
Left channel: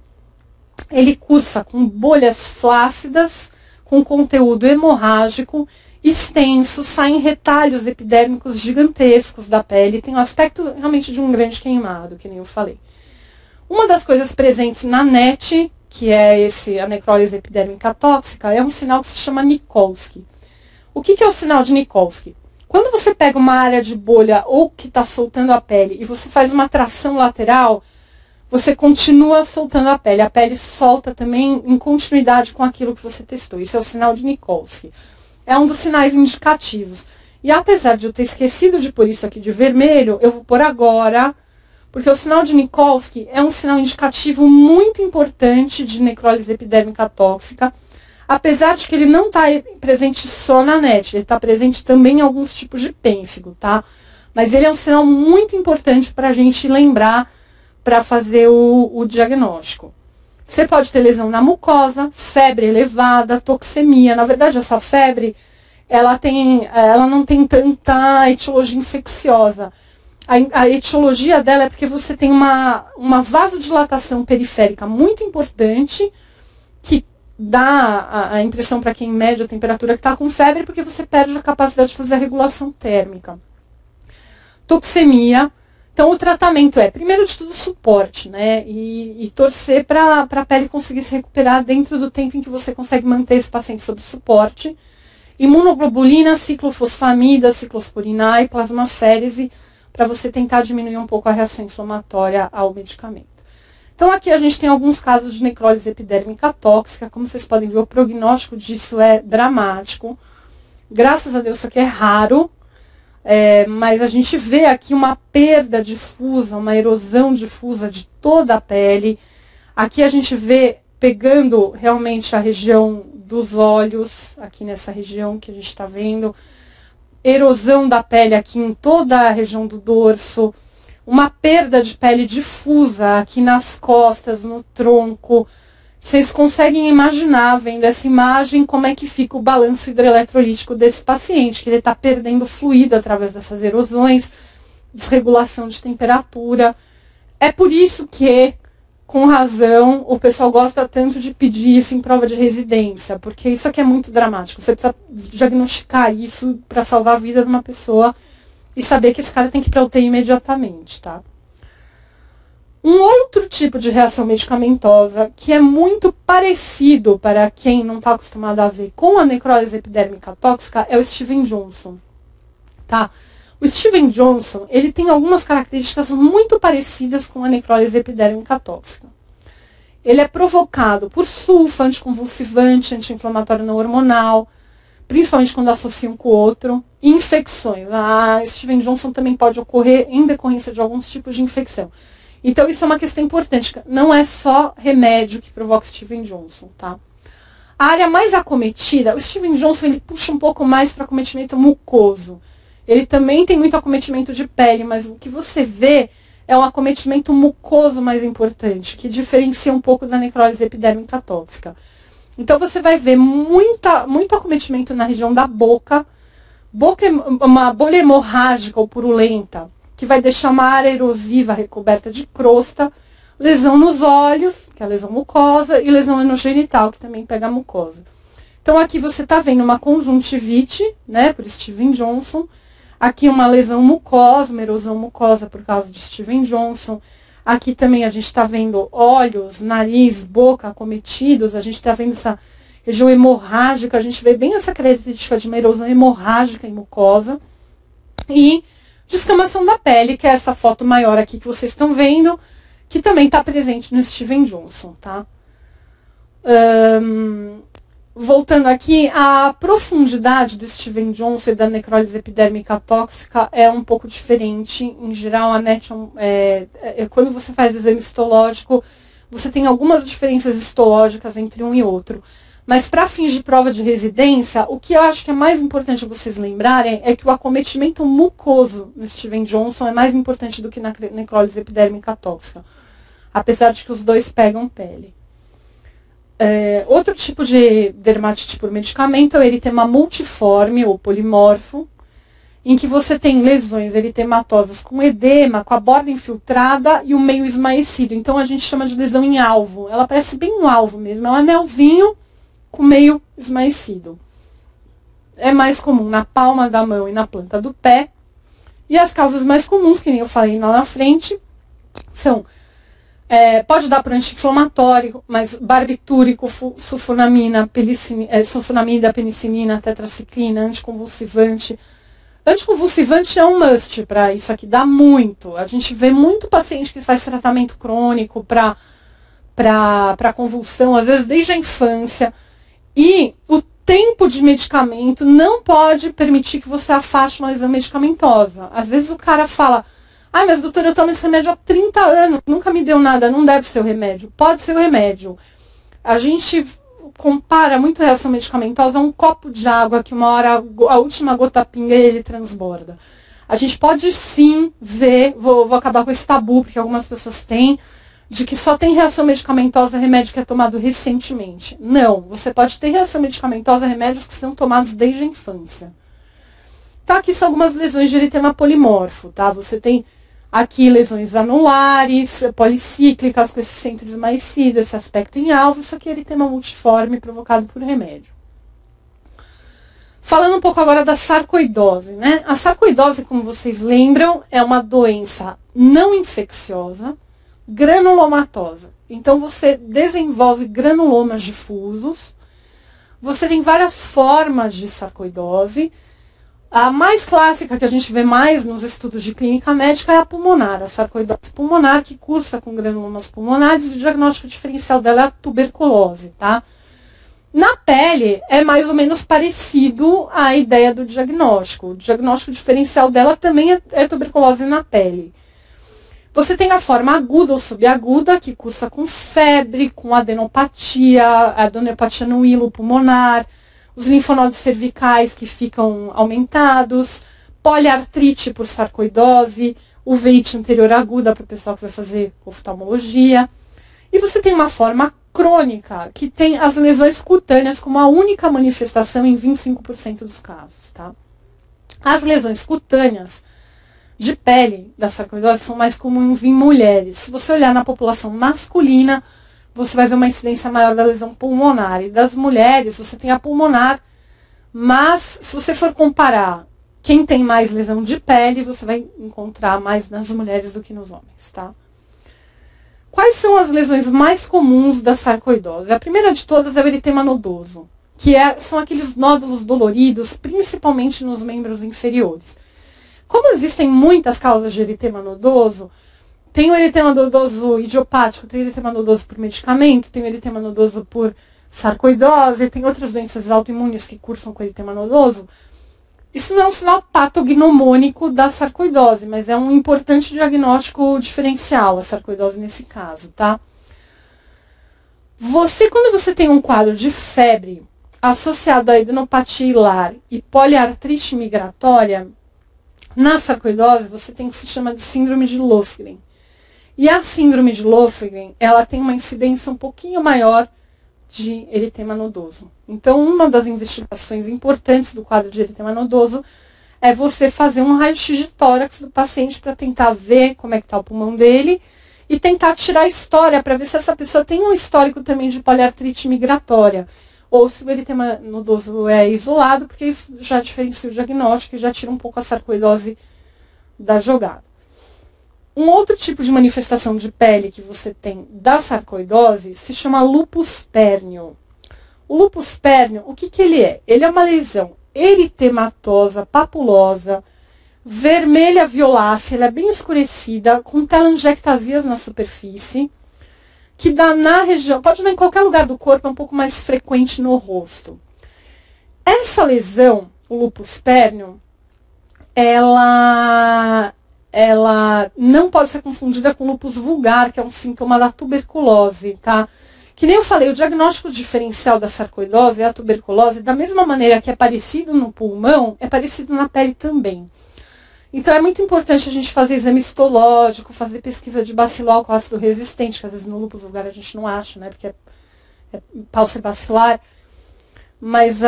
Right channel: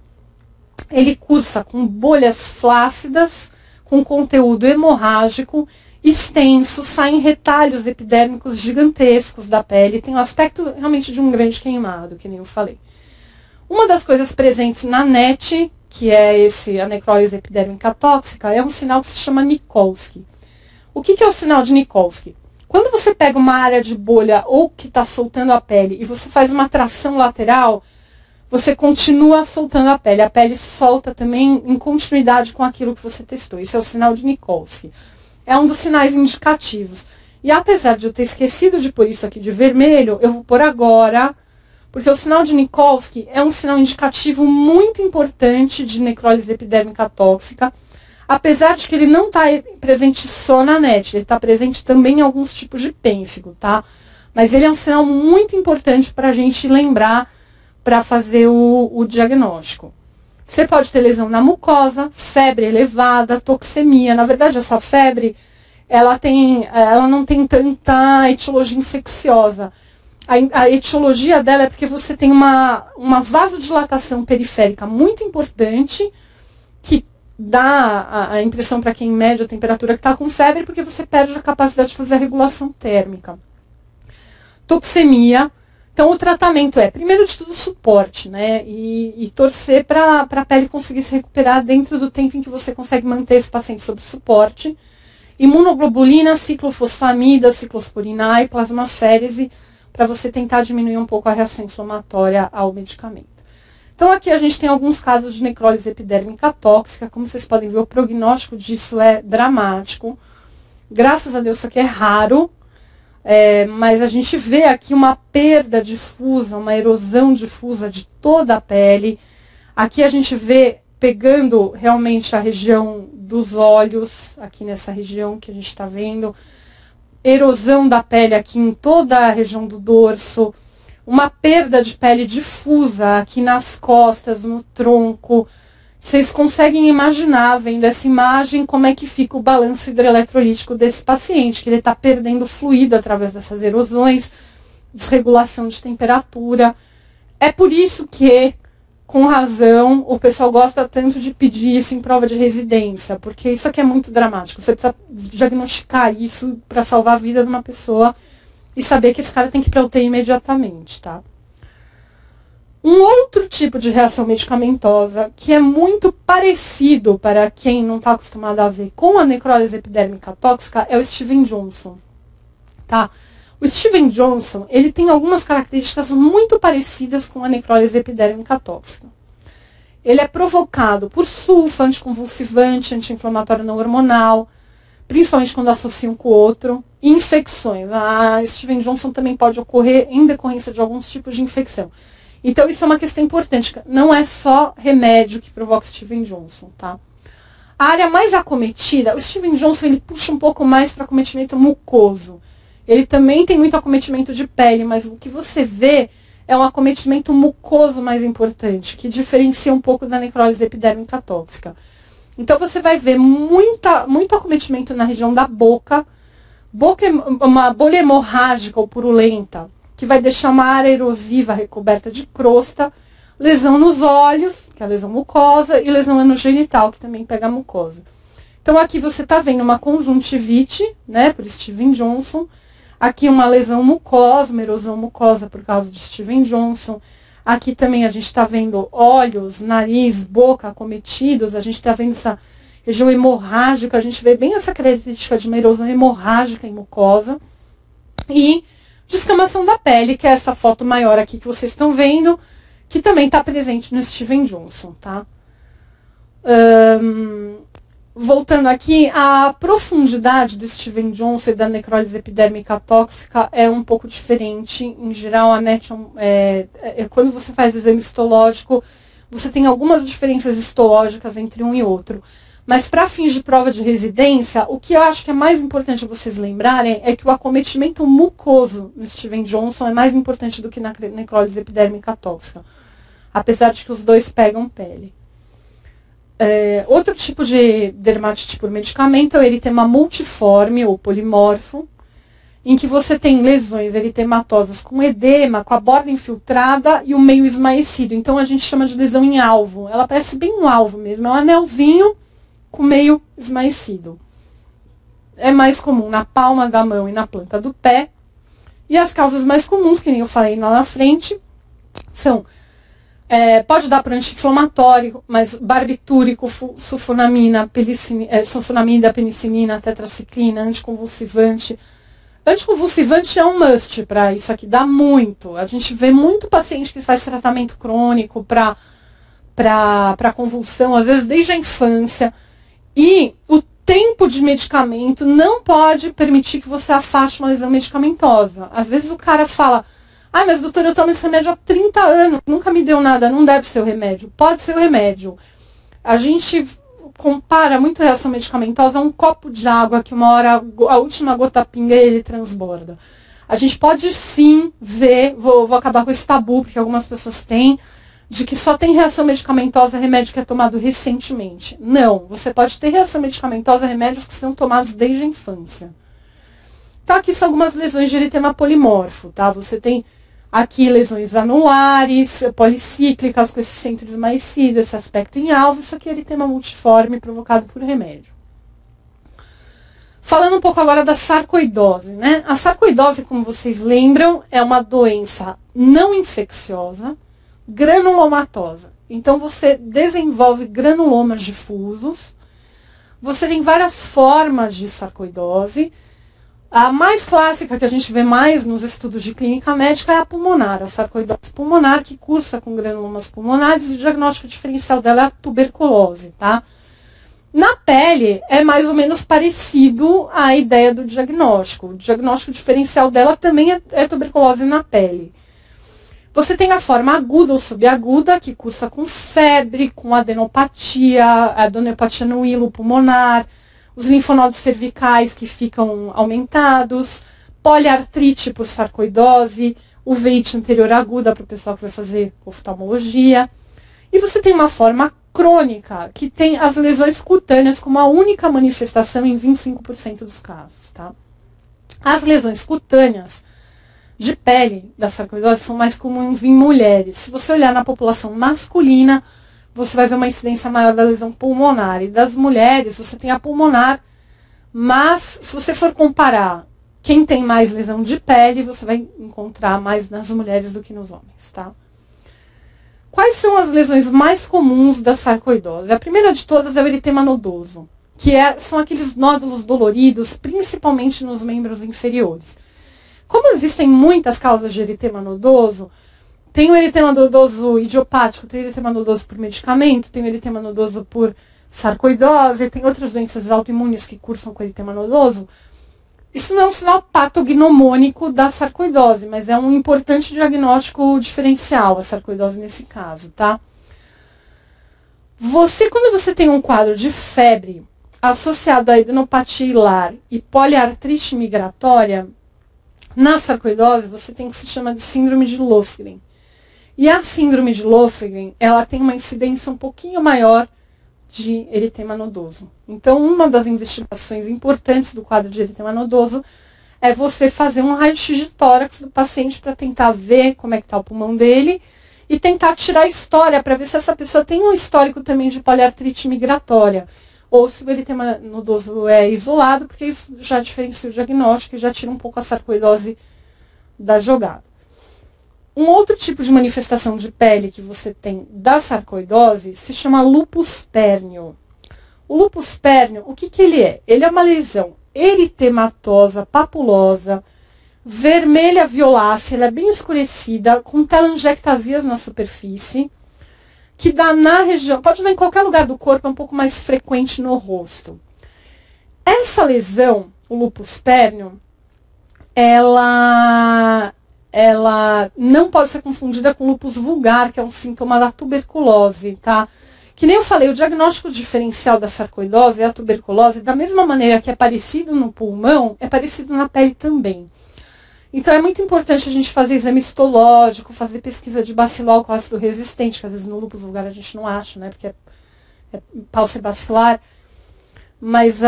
Ele cursa com bolhas flácidas, com conteúdo hemorrágico, extenso, saem retalhos epidérmicos gigantescos da pele, tem o aspecto realmente de um grande queimado, que nem eu falei. Uma das coisas presentes na NET, que é a necrólise epidérmica tóxica, é um sinal que se chama Nikolsky. O que é o sinal de Nikolsky? Quando você pega uma área de bolha ou que está soltando a pele e você faz uma tração lateral, você continua soltando a pele solta também em continuidade com aquilo que você testou. Isso é o sinal de Nikolsky. É um dos sinais indicativos. E apesar de eu ter esquecido de pôr isso aqui de vermelho, eu vou pôr agora, porque o sinal de Nikolsky é um sinal indicativo muito importante de necrólise epidérmica tóxica, apesar de que ele não está presente só na NET, ele está presente também em alguns tipos de pênfigo, tá? Mas ele é um sinal muito importante para a gente lembrar para fazer o diagnóstico. Você pode ter lesão na mucosa, febre elevada, toxemia. Na verdade, essa febre, ela não tem tanta etiologia infecciosa. A etiologia dela é porque você tem uma vasodilatação periférica muito importante, que dá a impressão para quem mede a temperatura que está com febre, porque você perde a capacidade de fazer a regulação térmica. Toxemia. Então, o tratamento é, primeiro de tudo, suporte, né? E torcer para a pele conseguir se recuperar dentro do tempo em que você consegue manter esse paciente sob suporte. Imunoglobulina, ciclofosfamida, ciclosporina e plasmaférese, para você tentar diminuir um pouco a reação inflamatória ao medicamento. Então, aqui a gente tem alguns casos de necrólise epidérmica tóxica. Como vocês podem ver, o prognóstico disso é dramático. Graças a Deus, isso aqui é raro. Mas a gente vê aqui uma perda difusa, uma erosão difusa de toda a pele. Aqui a gente vê pegando realmente a região dos olhos, aqui nessa região que a gente está vendo. Erosão da pele aqui em toda a região do dorso. Uma perda de pele difusa aqui nas costas, no tronco. Vocês conseguem imaginar, vendo essa imagem, como é que fica o balanço hidroeletrolítico desse paciente, que ele está perdendo fluido através dessas erosões, desregulação de temperatura. É por isso que, com razão, o pessoal gosta tanto de pedir isso em prova de residência, porque isso aqui é muito dramático. Você precisa diagnosticar isso para salvar a vida de uma pessoa e saber que esse cara tem que ir para UTI imediatamente, tá? Um outro tipo de reação medicamentosa que é muito parecido para quem não está acostumado a ver com a necrólise epidérmica tóxica é o Steven Johnson, tá? O Steven Johnson, ele tem algumas características muito parecidas com a necrólise epidérmica tóxica. Ele é provocado por sulfa, anticonvulsivante, anti-inflamatório não hormonal, principalmente quando associa um com o outro, e infecções. A Steven Johnson também pode ocorrer em decorrência de alguns tipos de infecção. Então, isso é uma questão importante. Não é só remédio que provoca Steven Johnson, tá? A área mais acometida, o Steven Johnson, ele puxa um pouco mais para acometimento mucoso. Ele também tem muito acometimento de pele, mas o que você vê é um acometimento mucoso mais importante, que diferencia um pouco da necrólise epidérmica tóxica. Então, você vai ver muito acometimento na região da boca. Boca é uma bolha hemorrágica ou purulenta, que vai deixar uma área erosiva recoberta de crosta, lesão nos olhos, que é a lesão mucosa, e lesão anogenital, que também pega a mucosa. Então, aqui você está vendo uma conjuntivite, né, por Steven Johnson. Aqui uma lesão mucosa, uma erosão mucosa por causa de Steven Johnson. Aqui também a gente está vendo olhos, nariz, boca acometidos. A gente está vendo essa região hemorrágica. A gente vê bem essa característica de uma erosão hemorrágica em mucosa. E descamação da pele, que é essa foto maior aqui que vocês estão vendo, que também está presente no Steven Johnson, tá? Voltando aqui, a profundidade do Steven Johnson e da necrólise epidérmica tóxica é um pouco diferente. Em geral, a NET quando você faz o exame histológico, você tem algumas diferenças histológicas entre um e outro. Mas para fins de prova de residência, o que eu acho que é mais importante vocês lembrarem é que o acometimento mucoso no Steven Johnson é mais importante do que na necrólise epidérmica tóxica, apesar de que os dois pegam pele. Outro tipo de dermatite por medicamento é o eritema multiforme ou polimorfo, em que você tem lesões eritematosas com edema, com a borda infiltrada e o meio esmaecido. Então a gente chama de lesão em alvo. Ela parece bem um alvo mesmo, é um anelzinho com meio esmaecido. É mais comum na palma da mão e na planta do pé. E as causas mais comuns, que nem eu falei lá na frente, são... pode dar para anti-inflamatório, mas barbitúrico, sulfonamida, penicilina, tetraciclina, anticonvulsivante. Anticonvulsivante é um must para isso aqui, dá muito. A gente vê muito paciente que faz tratamento crônico para convulsão, às vezes desde a infância. E tempo de medicamento não pode permitir que você afaste uma lesão medicamentosa. Às vezes o cara fala, ai, mas doutor, eu tomo esse remédio há 30 anos, nunca me deu nada, não deve ser o remédio. Pode ser o remédio. A gente compara muito a reação medicamentosa a um copo de água que uma hora a última gota pinga e ele transborda. A gente pode sim ver, vou acabar com esse tabu, porque algumas pessoas têm, de que só tem reação medicamentosa remédio que é tomado recentemente. Não, você pode ter reação medicamentosa remédios que são tomados desde a infância. Tá, aqui são algumas lesões de eritema polimorfo, tá? Você tem aqui lesões anulares, policíclicas, com esse centro esmaecido, esse aspecto em alvo. Isso aqui é eritema multiforme provocado por remédio. Falando um pouco agora da sarcoidose, né? A sarcoidose, como vocês lembram, é uma doença não infecciosa, granulomatosa. Então, você desenvolve granulomas difusos. Você tem várias formas de sarcoidose. A mais clássica, que a gente vê mais nos estudos de clínica médica, é a pulmonar, a sarcoidose pulmonar, que cursa com granulomas pulmonares, e o diagnóstico diferencial dela é a tuberculose, tá? Na pele, é mais ou menos parecido à ideia do diagnóstico. O diagnóstico diferencial dela também é tuberculose na pele. Você tem a forma aguda ou subaguda, que cursa com febre, com adenopatia no hilo pulmonar, os linfonodos cervicais que ficam aumentados, poliartrite por sarcoidose, uveíte anterior aguda para o pessoal que vai fazer oftalmologia. E você tem uma forma crônica, que tem as lesões cutâneas como a única manifestação em 25% dos casos, tá? As lesões cutâneas de pele da sarcoidose são mais comuns em mulheres. Se você olhar na população masculina, você vai ver uma incidência maior da lesão pulmonar. E das mulheres, você tem a pulmonar, mas se você for comparar quem tem mais lesão de pele, você vai encontrar mais nas mulheres do que nos homens, tá? Quais são as lesões mais comuns da sarcoidose? A primeira de todas é o eritema nodoso, que são aqueles nódulos doloridos, principalmente nos membros inferiores. Como existem muitas causas de eritema nodoso, tem o eritema nodoso idiopático, tem o eritema nodoso por medicamento, tem o eritema nodoso por sarcoidose, tem outras doenças autoimunes que cursam com eritema nodoso. Isso não é um sinal patognomônico da sarcoidose, mas é um importante diagnóstico diferencial, a sarcoidose nesse caso, tá? Quando você tem um quadro de febre associado a adenopatia hilar e poliartrite migratória, na sarcoidose você tem o que se chama de síndrome de Löfgren. E a síndrome de Löfgren, ela tem uma incidência um pouquinho maior de eritema nodoso. Então, uma das investigações importantes do quadro de eritema nodoso é você fazer um raio-x de tórax do paciente para tentar ver como é que está o pulmão dele e tentar tirar a história para ver se essa pessoa tem um histórico também de poliartrite migratória ou se o eritema nodoso é isolado, porque isso já diferencia o diagnóstico e já tira um pouco a sarcoidose da jogada. Um outro tipo de manifestação de pele que você tem da sarcoidose se chama lupus pérneo. O lupus pérneo, o que ele é? Ele é uma lesão eritematosa, papulosa, vermelha violácea, ela é bem escurecida, com telangiectasias na superfície, que dá na região, pode dar em qualquer lugar do corpo, é um pouco mais frequente no rosto. Essa lesão, o lupus pérneo, ela não pode ser confundida com lupus vulgar, que é um sintoma da tuberculose, tá? Que nem eu falei, o diagnóstico diferencial da sarcoidose é a tuberculose, da mesma maneira que é parecido no pulmão, é parecido na pele também. Então é muito importante a gente fazer exame histológico, fazer pesquisa de bacilo com ácido resistente, que às vezes no lupus vulgar a gente não acha, né? Porque é paucibacilar. Mas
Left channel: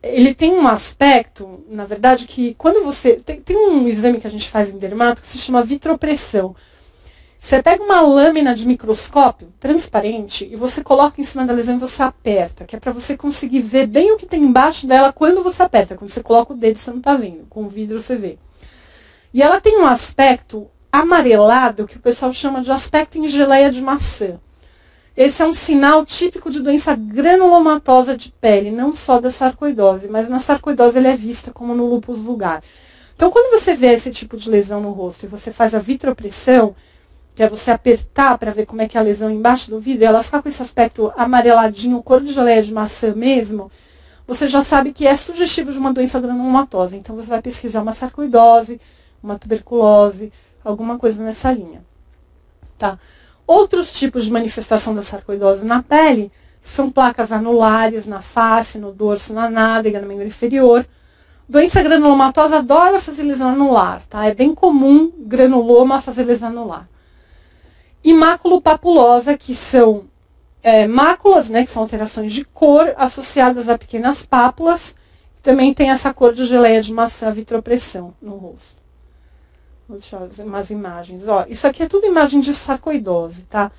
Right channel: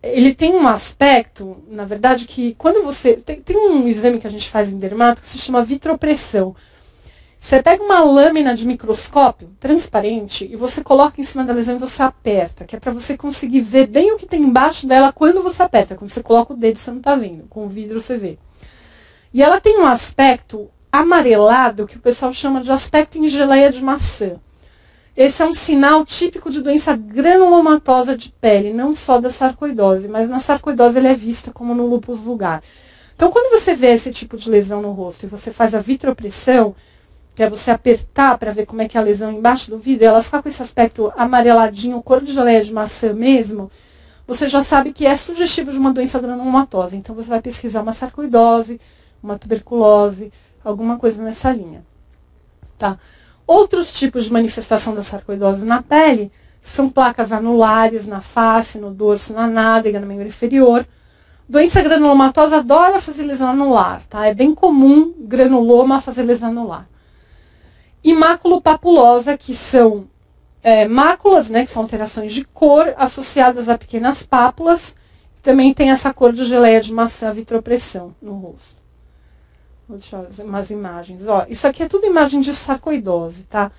ele tem um aspecto, na verdade, que quando você... Tem um exame que a gente faz em dermato que se chama vitropressão. Você pega uma lâmina de microscópio transparente e você coloca em cima da lesão e você aperta, que é para você conseguir ver bem o que tem embaixo dela quando você aperta. Quando você coloca o dedo, você não está vendo. Com o vidro você vê. E ela tem um aspecto amarelado que o pessoal chama de aspecto em geleia de maçã. Esse é um sinal típico de doença granulomatosa de pele, não só da sarcoidose, mas na sarcoidose ele é vista como no lúpus vulgar. Então, quando você vê esse tipo de lesão no rosto e você faz a vitropressão, que é você apertar para ver como é que é a lesão embaixo do vidro, e ela ficar com esse aspecto amareladinho, cor de geleia de maçã mesmo, você já sabe que é sugestivo de uma doença granulomatosa. Então você vai pesquisar uma sarcoidose, uma tuberculose, alguma coisa nessa linha. Tá? Outros tipos de manifestação da sarcoidose na pele são placas anulares na face, no dorso, na nádega, no membro inferior. Doença granulomatosa adora fazer lesão anular, tá? É bem comum granuloma fazer lesão anular. E maculopapulosa, que são máculas, né, que são alterações de cor associadas a pequenas pápulas, que também tem essa cor de geleia de maçã, vitropressão no rosto. Vou deixar umas imagens. Ó, isso aqui é tudo imagem de sarcoidose, tá?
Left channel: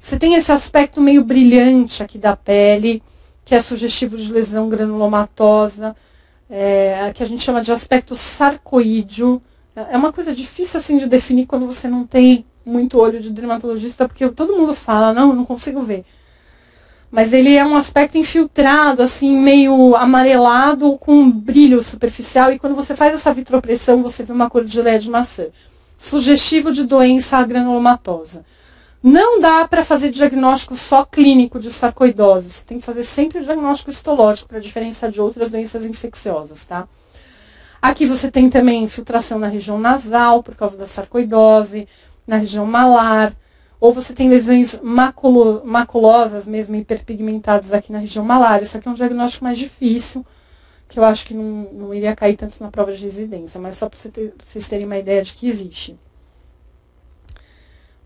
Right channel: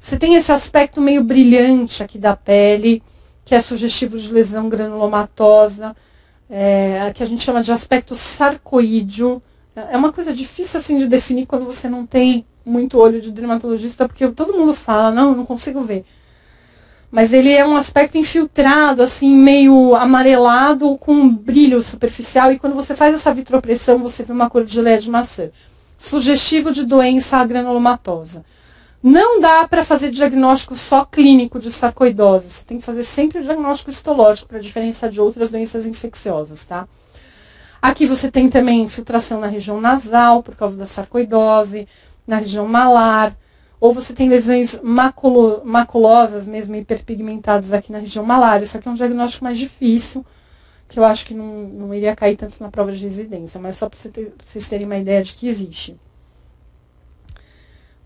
Você tem esse aspecto meio brilhante aqui da pele, que é sugestivo de lesão granulomatosa, que a gente chama de aspecto sarcoídeo. É uma coisa difícil assim de definir quando você não tem muito olho de dermatologista, porque todo mundo fala, não consigo ver. Mas ele é um aspecto infiltrado, assim, meio amarelado, com um brilho superficial, e quando você faz essa vitropressão, você vê uma cor de geleia de maçã. Sugestivo de doença granulomatosa. Não dá para fazer diagnóstico só clínico de sarcoidose. Você tem que fazer sempre o diagnóstico histológico para diferenciar de outras doenças infecciosas, tá? Aqui você tem também infiltração na região nasal, por causa da sarcoidose, na região malar, ou você tem lesões maculosas, mesmo hiperpigmentadas aqui na região malar. Isso aqui é um diagnóstico mais difícil, que eu acho que não iria cair tanto na prova de residência, mas só para vocês terem uma ideia de que existe.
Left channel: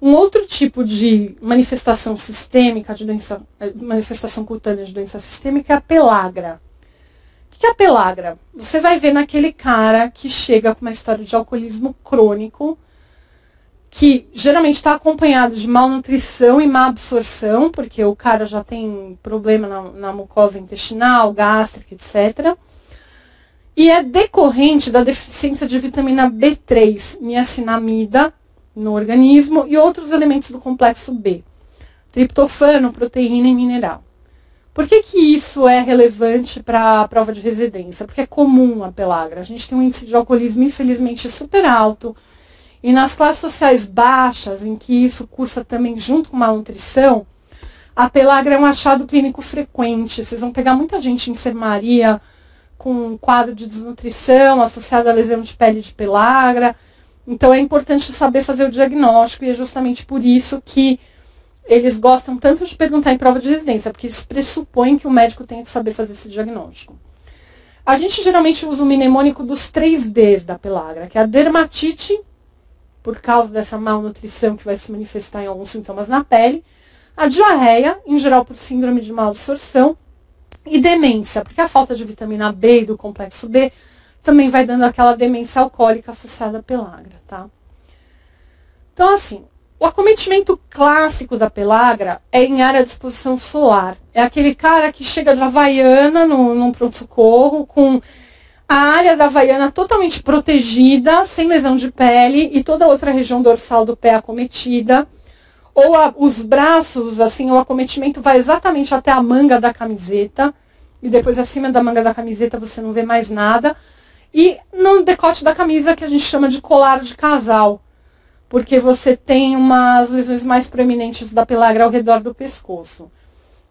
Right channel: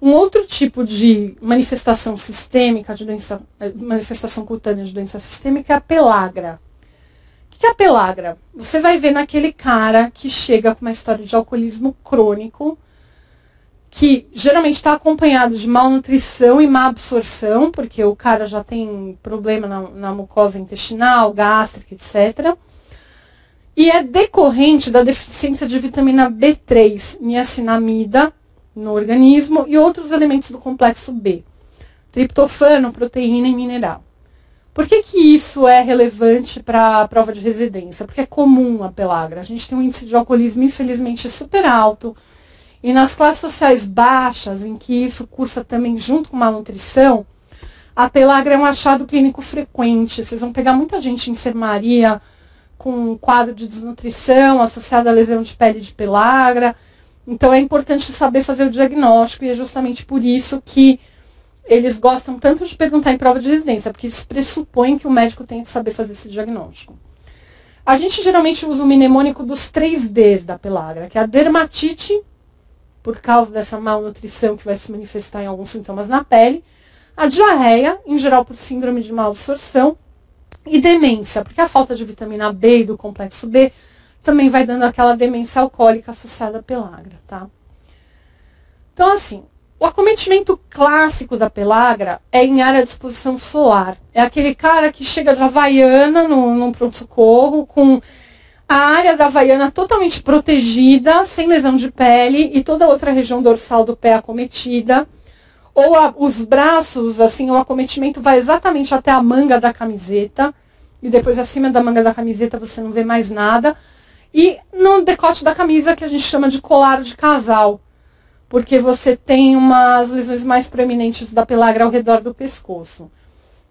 Um outro tipo de manifestação sistêmica, manifestação cutânea de doença sistêmica é a pelagra. O que é a pelagra? Você vai ver naquele cara que chega com uma história de alcoolismo crônico, que geralmente está acompanhado de malnutrição e má absorção, porque o cara já tem problema na mucosa intestinal, gástrica, etc. E é decorrente da deficiência de vitamina B3, niacinamida, no organismo, e outros elementos do complexo B, triptofano, proteína e mineral. Por que isso é relevante para a prova de residência? Porque é comum a pelagra. A gente tem um índice de alcoolismo, infelizmente, super alto, e nas classes sociais baixas, em que isso cursa também junto com malnutrição, a pelagra é um achado clínico frequente. Vocês vão pegar muita gente em enfermaria com um quadro de desnutrição associado à lesão de pele de pelagra. Então é importante saber fazer o diagnóstico, e é justamente por isso que eles gostam tanto de perguntar em prova de residência, porque eles pressupõem que o médico tenha que saber fazer esse diagnóstico. A gente geralmente usa o mnemônico dos 3 Ds da pelagra, que é a dermatite, por causa dessa malnutrição que vai se manifestar em alguns sintomas na pele, a diarreia, em geral por síndrome de má absorção, e demência, porque a falta de vitamina B e do complexo B também vai dando aquela demência alcoólica associada à pelagra, tá? Então, assim, o acometimento clássico da pelagra é em área de exposição solar. É aquele cara que chega de Havaiana num pronto-socorro, com a área da Havaiana totalmente protegida, sem lesão de pele, e toda a outra região dorsal do pé acometida. Ou os braços, assim, o acometimento vai exatamente até a manga da camiseta, e depois acima da manga da camiseta você não vê mais nada. E no decote da camisa, que a gente chama de colar de casal, porque você tem umas lesões mais proeminentes da pelagra ao redor do pescoço.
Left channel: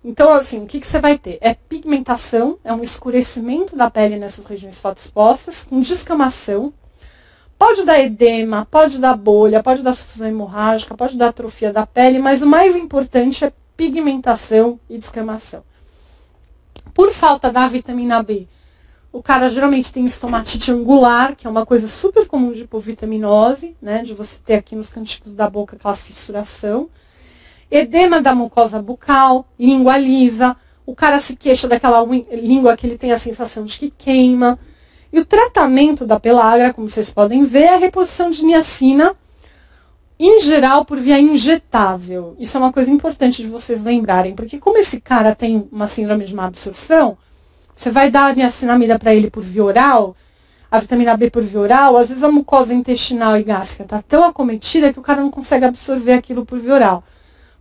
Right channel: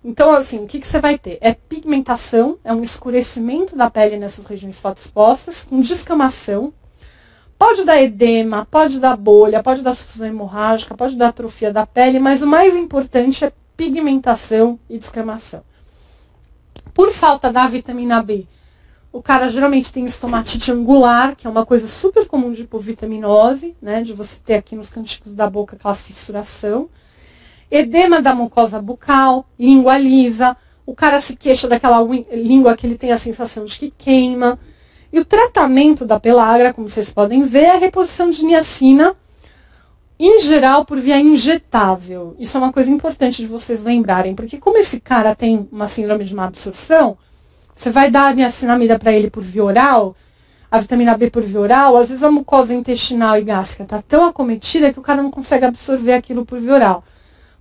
Então, assim, o que você vai ter? É pigmentação, é um escurecimento da pele nessas regiões fotoexpostas, com descamação. Pode dar edema, pode dar bolha, pode dar sufusão hemorrágica, pode dar atrofia da pele, mas o mais importante é pigmentação e descamação. Por falta da vitamina B, o cara geralmente tem estomatite angular, que é uma coisa super comum de hipovitaminose, né? De você ter aqui nos cantinhos da boca aquela fissuração. Edema da mucosa bucal, língua lisa, o cara se queixa daquela língua que ele tem a sensação de que queima. E o tratamento da pelagra, como vocês podem ver, é a reposição de niacina, em geral por via injetável. Isso é uma coisa importante de vocês lembrarem, porque como esse cara tem uma síndrome de má absorção, você vai dar a niacinamida para ele por via oral, a vitamina B por via oral, às vezes a mucosa intestinal e gástrica está tão acometida que o cara não consegue absorver aquilo por via oral.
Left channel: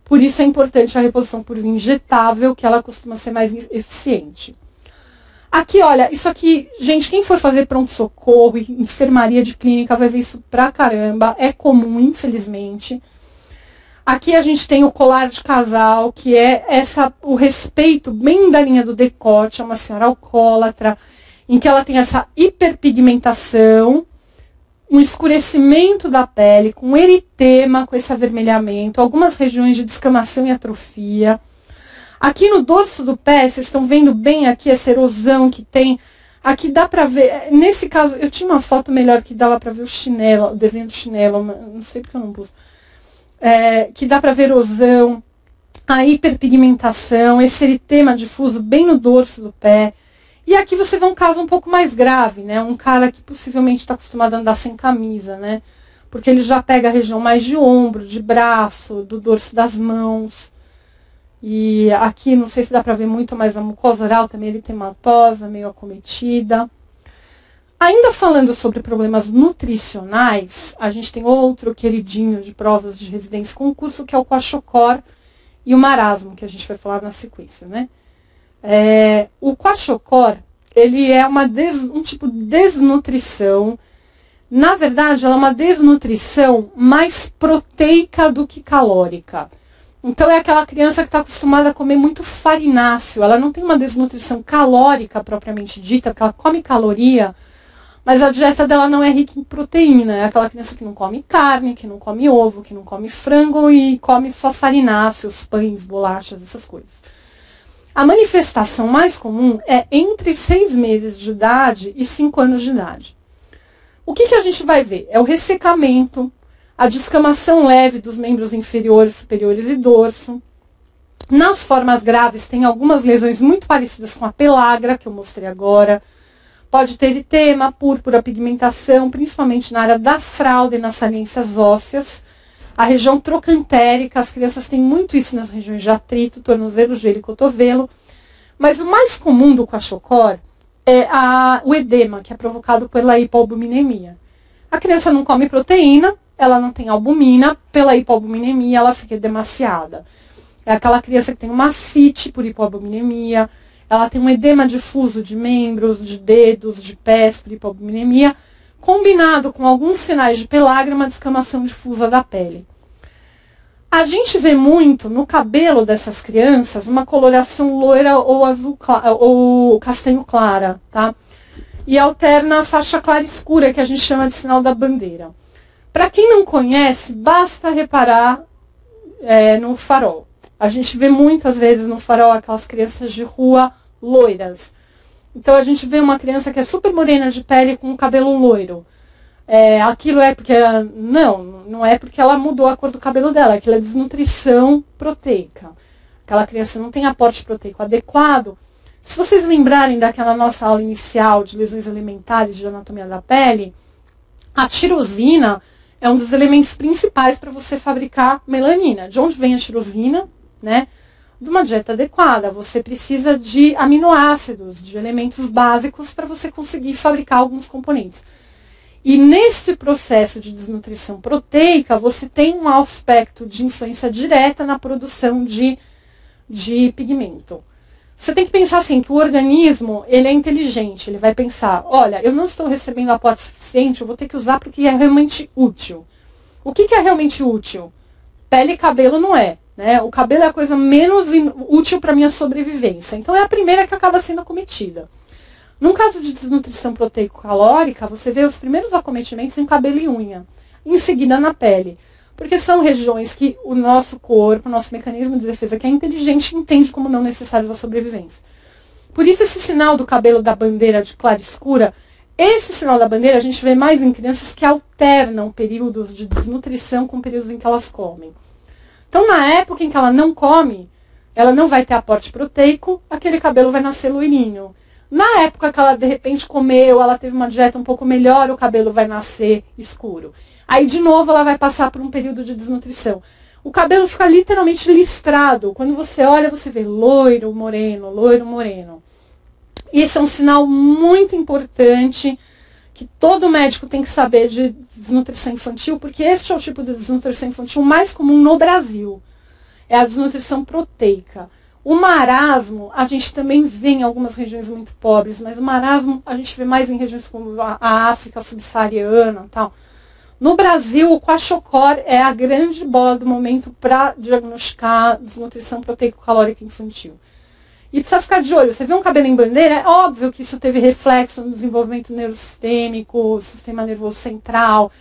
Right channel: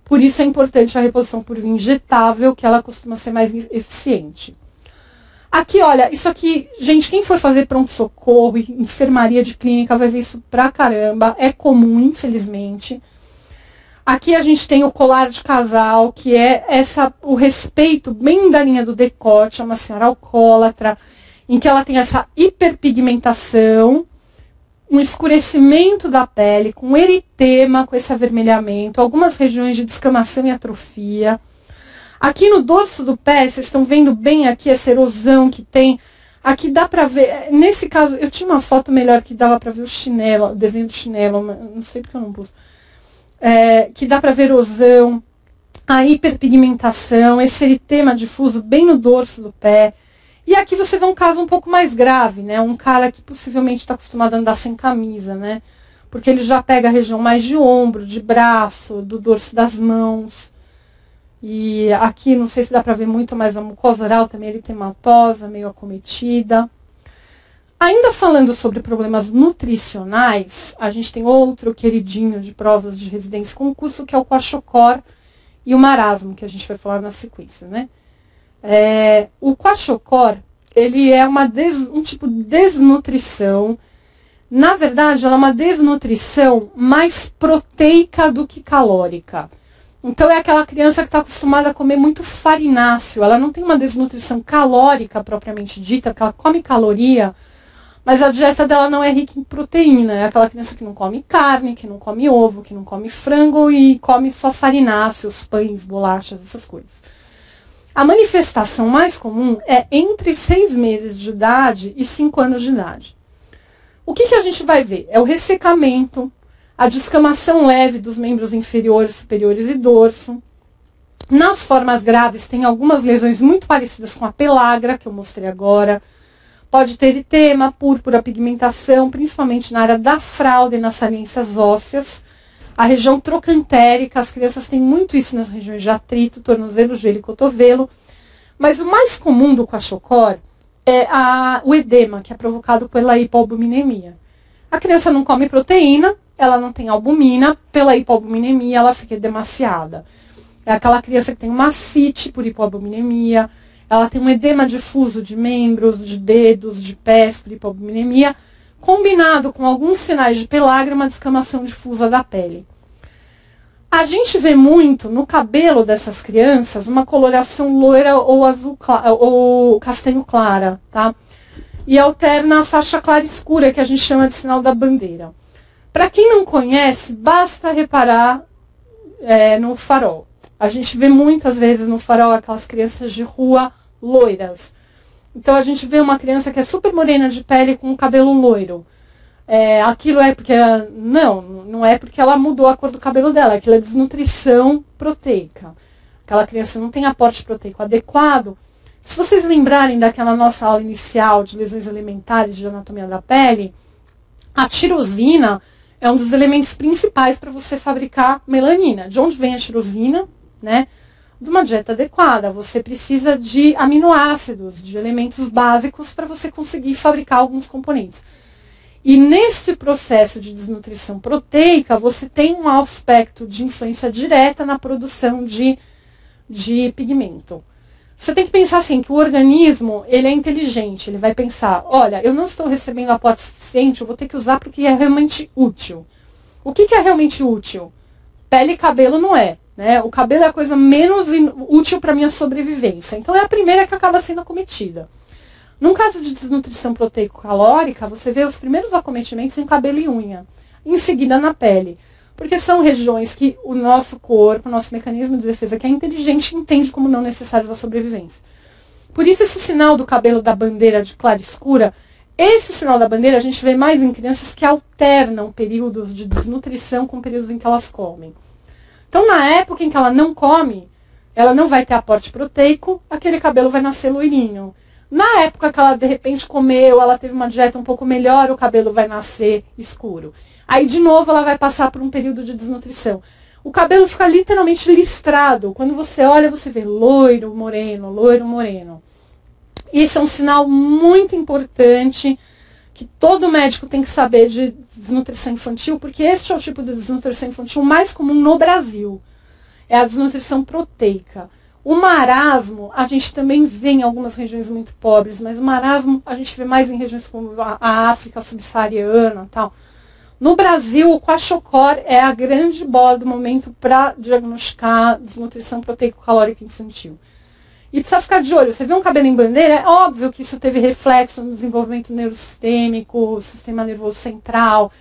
Por isso é importante a reposição por via injetável, que ela costuma ser mais eficiente. Aqui, olha, isso aqui, gente, quem for fazer pronto-socorro, enfermaria de clínica, vai ver isso pra caramba. É comum, infelizmente. Aqui a gente tem o colar de casal, que é o respeito bem da linha do decote, é uma senhora alcoólatra, em que ela tem essa hiperpigmentação, um escurecimento da pele, com eritema, com esse avermelhamento, algumas regiões de descamação e atrofia. Aqui no dorso do pé, vocês estão vendo bem aqui essa erosão que tem. Aqui dá pra ver, nesse caso, eu tinha uma foto melhor que dava pra ver o chinelo, o desenho do chinelo, não sei porque eu não pus. Que dá pra ver erosão, a hiperpigmentação, esse eritema difuso bem no dorso do pé. E aqui você vê um caso um pouco mais grave, né? Um cara que possivelmente está acostumado a andar sem camisa, né? Porque ele já pega a região mais de ombro, de braço, do dorso das mãos. E aqui, não sei se dá para ver muito, mas a mucosa oral também é eritematosa, meio acometida. Ainda falando sobre problemas nutricionais, a gente tem outro queridinho de provas de residência e concurso, que é o Kwashiorkor e o marasmo, que a gente vai falar na sequência, né? O Kwashiorkor, ele é um tipo de desnutrição. Na verdade, ela é uma desnutrição mais proteica do que calórica. Então, é aquela criança que está acostumada a comer muito farináceo. Ela não tem uma desnutrição calórica propriamente dita, porque ela come caloria, mas a dieta dela não é rica em proteína. É aquela criança que não come carne, que não come ovo, que não come frango e come só farináceos, pães, bolachas, essas coisas. A manifestação mais comum é entre 6 meses de idade e 5 anos de idade. O que a gente vai ver? É o ressecamento, a descamação leve dos membros inferiores, superiores e dorso. Nas formas graves, tem algumas lesões muito parecidas com a pelagra, que eu mostrei agora. Pode ter eritema, púrpura, pigmentação, principalmente na área da fralda e nas saliências ósseas. A região trocantérica, as crianças têm muito isso nas regiões de atrito, tornozelo, joelho e cotovelo. Mas o mais comum do Kwashiorkor é o edema, que é provocado pela hipoalbuminemia. A criança não come proteína, ela não tem albumina, pela hipoalbuminemia ela fica edemaciada. É aquela criança que tem uma ascite por hipoalbuminemia, ela tem um edema difuso de membros, de dedos, de pés por hipoalbuminemia, combinado com alguns sinais de pelagra, uma descamação difusa da pele. A gente vê muito no cabelo dessas crianças uma coloração loira ou azul ou castanho clara, tá? E alterna a faixa clara escura, que a gente chama de sinal da bandeira. Para quem não conhece, basta reparar no farol. A gente vê muitas vezes no farol aquelas crianças de rua loiras. Então, a gente vê uma criança que é super morena de pele com o cabelo loiro. Aquilo é porque... Não é porque ela mudou a cor do cabelo dela. Aquilo é desnutrição proteica. Aquela criança não tem aporte proteico adequado. Se vocês lembrarem daquela nossa aula inicial de lesões elementares de anatomia da pele, a tirosina é um dos elementos principais para você fabricar melanina. De onde vem a tirosina, né? De uma dieta adequada. Você precisa de aminoácidos, de elementos básicos para você conseguir fabricar alguns componentes. E nesse processo de desnutrição proteica, você tem um aspecto de influência direta na produção de pigmento. Você tem que pensar assim, que o organismo, ele é inteligente, ele vai pensar, olha, eu não estou recebendo aporte suficiente, eu vou ter que usar porque é realmente útil. O que é realmente útil? Pele e cabelo não é. Né? O cabelo é a coisa menos útil para a minha sobrevivência. Então, é a primeira que acaba sendo acometida. Num caso de desnutrição proteico-calórica, você vê os primeiros acometimentos em cabelo e unha. Em seguida, na pele. Porque são regiões que o nosso corpo, o nosso mecanismo de defesa, que é inteligente, entende como não necessários à sobrevivência. Por isso, esse sinal do cabelo da bandeira de clara escura, esse sinal da bandeira a gente vê mais em crianças que alternam períodos de desnutrição com períodos em que elas comem. Então, na época em que ela não come, ela não vai ter aporte proteico, aquele cabelo vai nascer loirinho. Na época que ela, de repente, comeu, ela teve uma dieta um pouco melhor, o cabelo vai nascer escuro. Aí, de novo, ela vai passar por um período de desnutrição. O cabelo fica literalmente listrado. Quando você olha, você vê loiro, moreno, loiro, moreno. Isso é um sinal muito importante que todo médico tem que saber de desnutrição infantil, porque este é o tipo de desnutrição infantil mais comum no Brasil. É a desnutrição proteica. O marasmo, a gente também vê em algumas regiões muito pobres, mas o marasmo a gente vê mais em regiões como a África subsaariana e tal. No Brasil, o Kwashiorkor é a grande bola do momento para diagnosticar desnutrição proteico-calórica infantil. E precisa ficar de olho. Você vê um cabelo em bandeira, é óbvio que isso teve reflexo no desenvolvimento neurosistêmico, sistema nervoso central.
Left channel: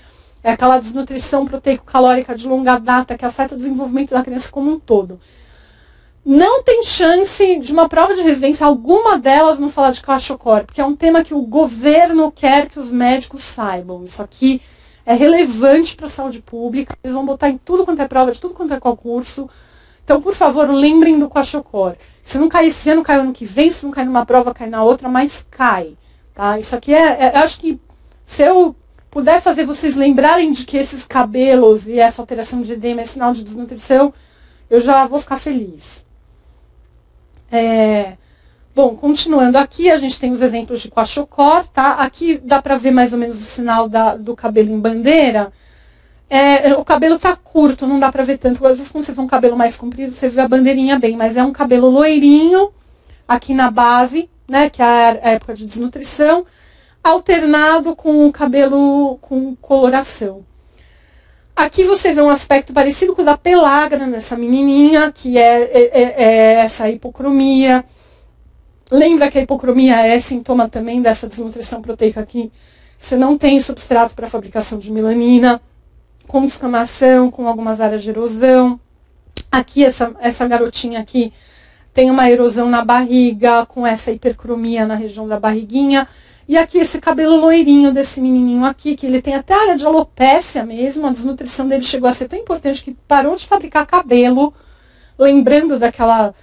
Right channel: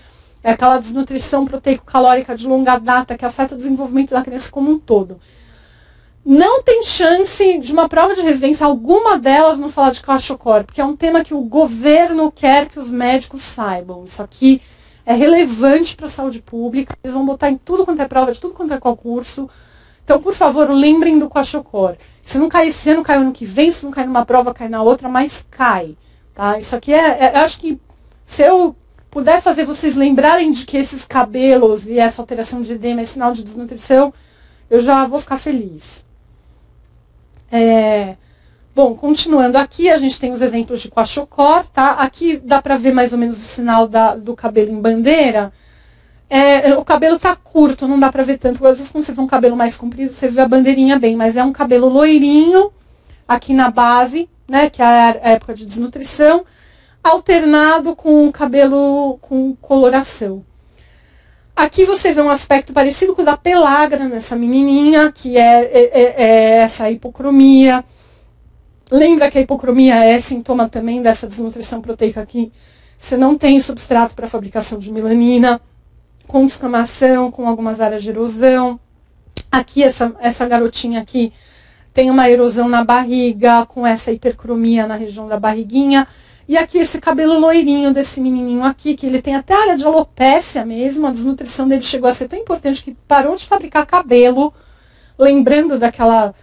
É aquela desnutrição proteico-calórica de longa data que afeta o desenvolvimento da criança como um todo. Não tem chance de uma prova de residência, alguma delas, não falar de Kwashiorkor, porque é um tema que o governo quer que os médicos saibam. Isso aqui é relevante para a saúde pública. Eles vão botar em tudo quanto é prova, de tudo quanto é concurso. Então, por favor, lembrem do Kwashiorkor. Se não cair esse ano, cai ano que vem. Se não cair numa prova, cai na outra, mas cai. Tá? Isso aqui acho que se eu puder fazer vocês lembrarem de que esses cabelos e essa alteração de edema é sinal de desnutrição, eu já vou ficar feliz. Bom, continuando aqui, a gente tem os exemplos de Kwashiorkor, tá? Aqui dá para ver mais ou menos o sinal do cabelo em bandeira. O cabelo tá curto, não dá para ver tanto. Às vezes, quando você vê um cabelo mais comprido, você vê a bandeirinha bem, mas é um cabelo loirinho aqui na base, né? Que é a época de desnutrição, alternado com o cabelo com coloração. Aqui você vê um aspecto parecido com o da pellagra nessa menininha, que é essa hipocromia. Lembra que a hipocromia é sintoma também dessa desnutrição proteica aqui? Você não tem substrato para a fabricação de melanina, com descamação, com algumas áreas de erosão. Aqui, essa garotinha aqui tem uma erosão na barriga, com essa hipercromia na região da barriguinha. E aqui esse cabelo loirinho desse menininho aqui, que ele tem até área de alopécia mesmo. A desnutrição dele chegou a ser tão importante que parou de fabricar cabelo, lembrando daquela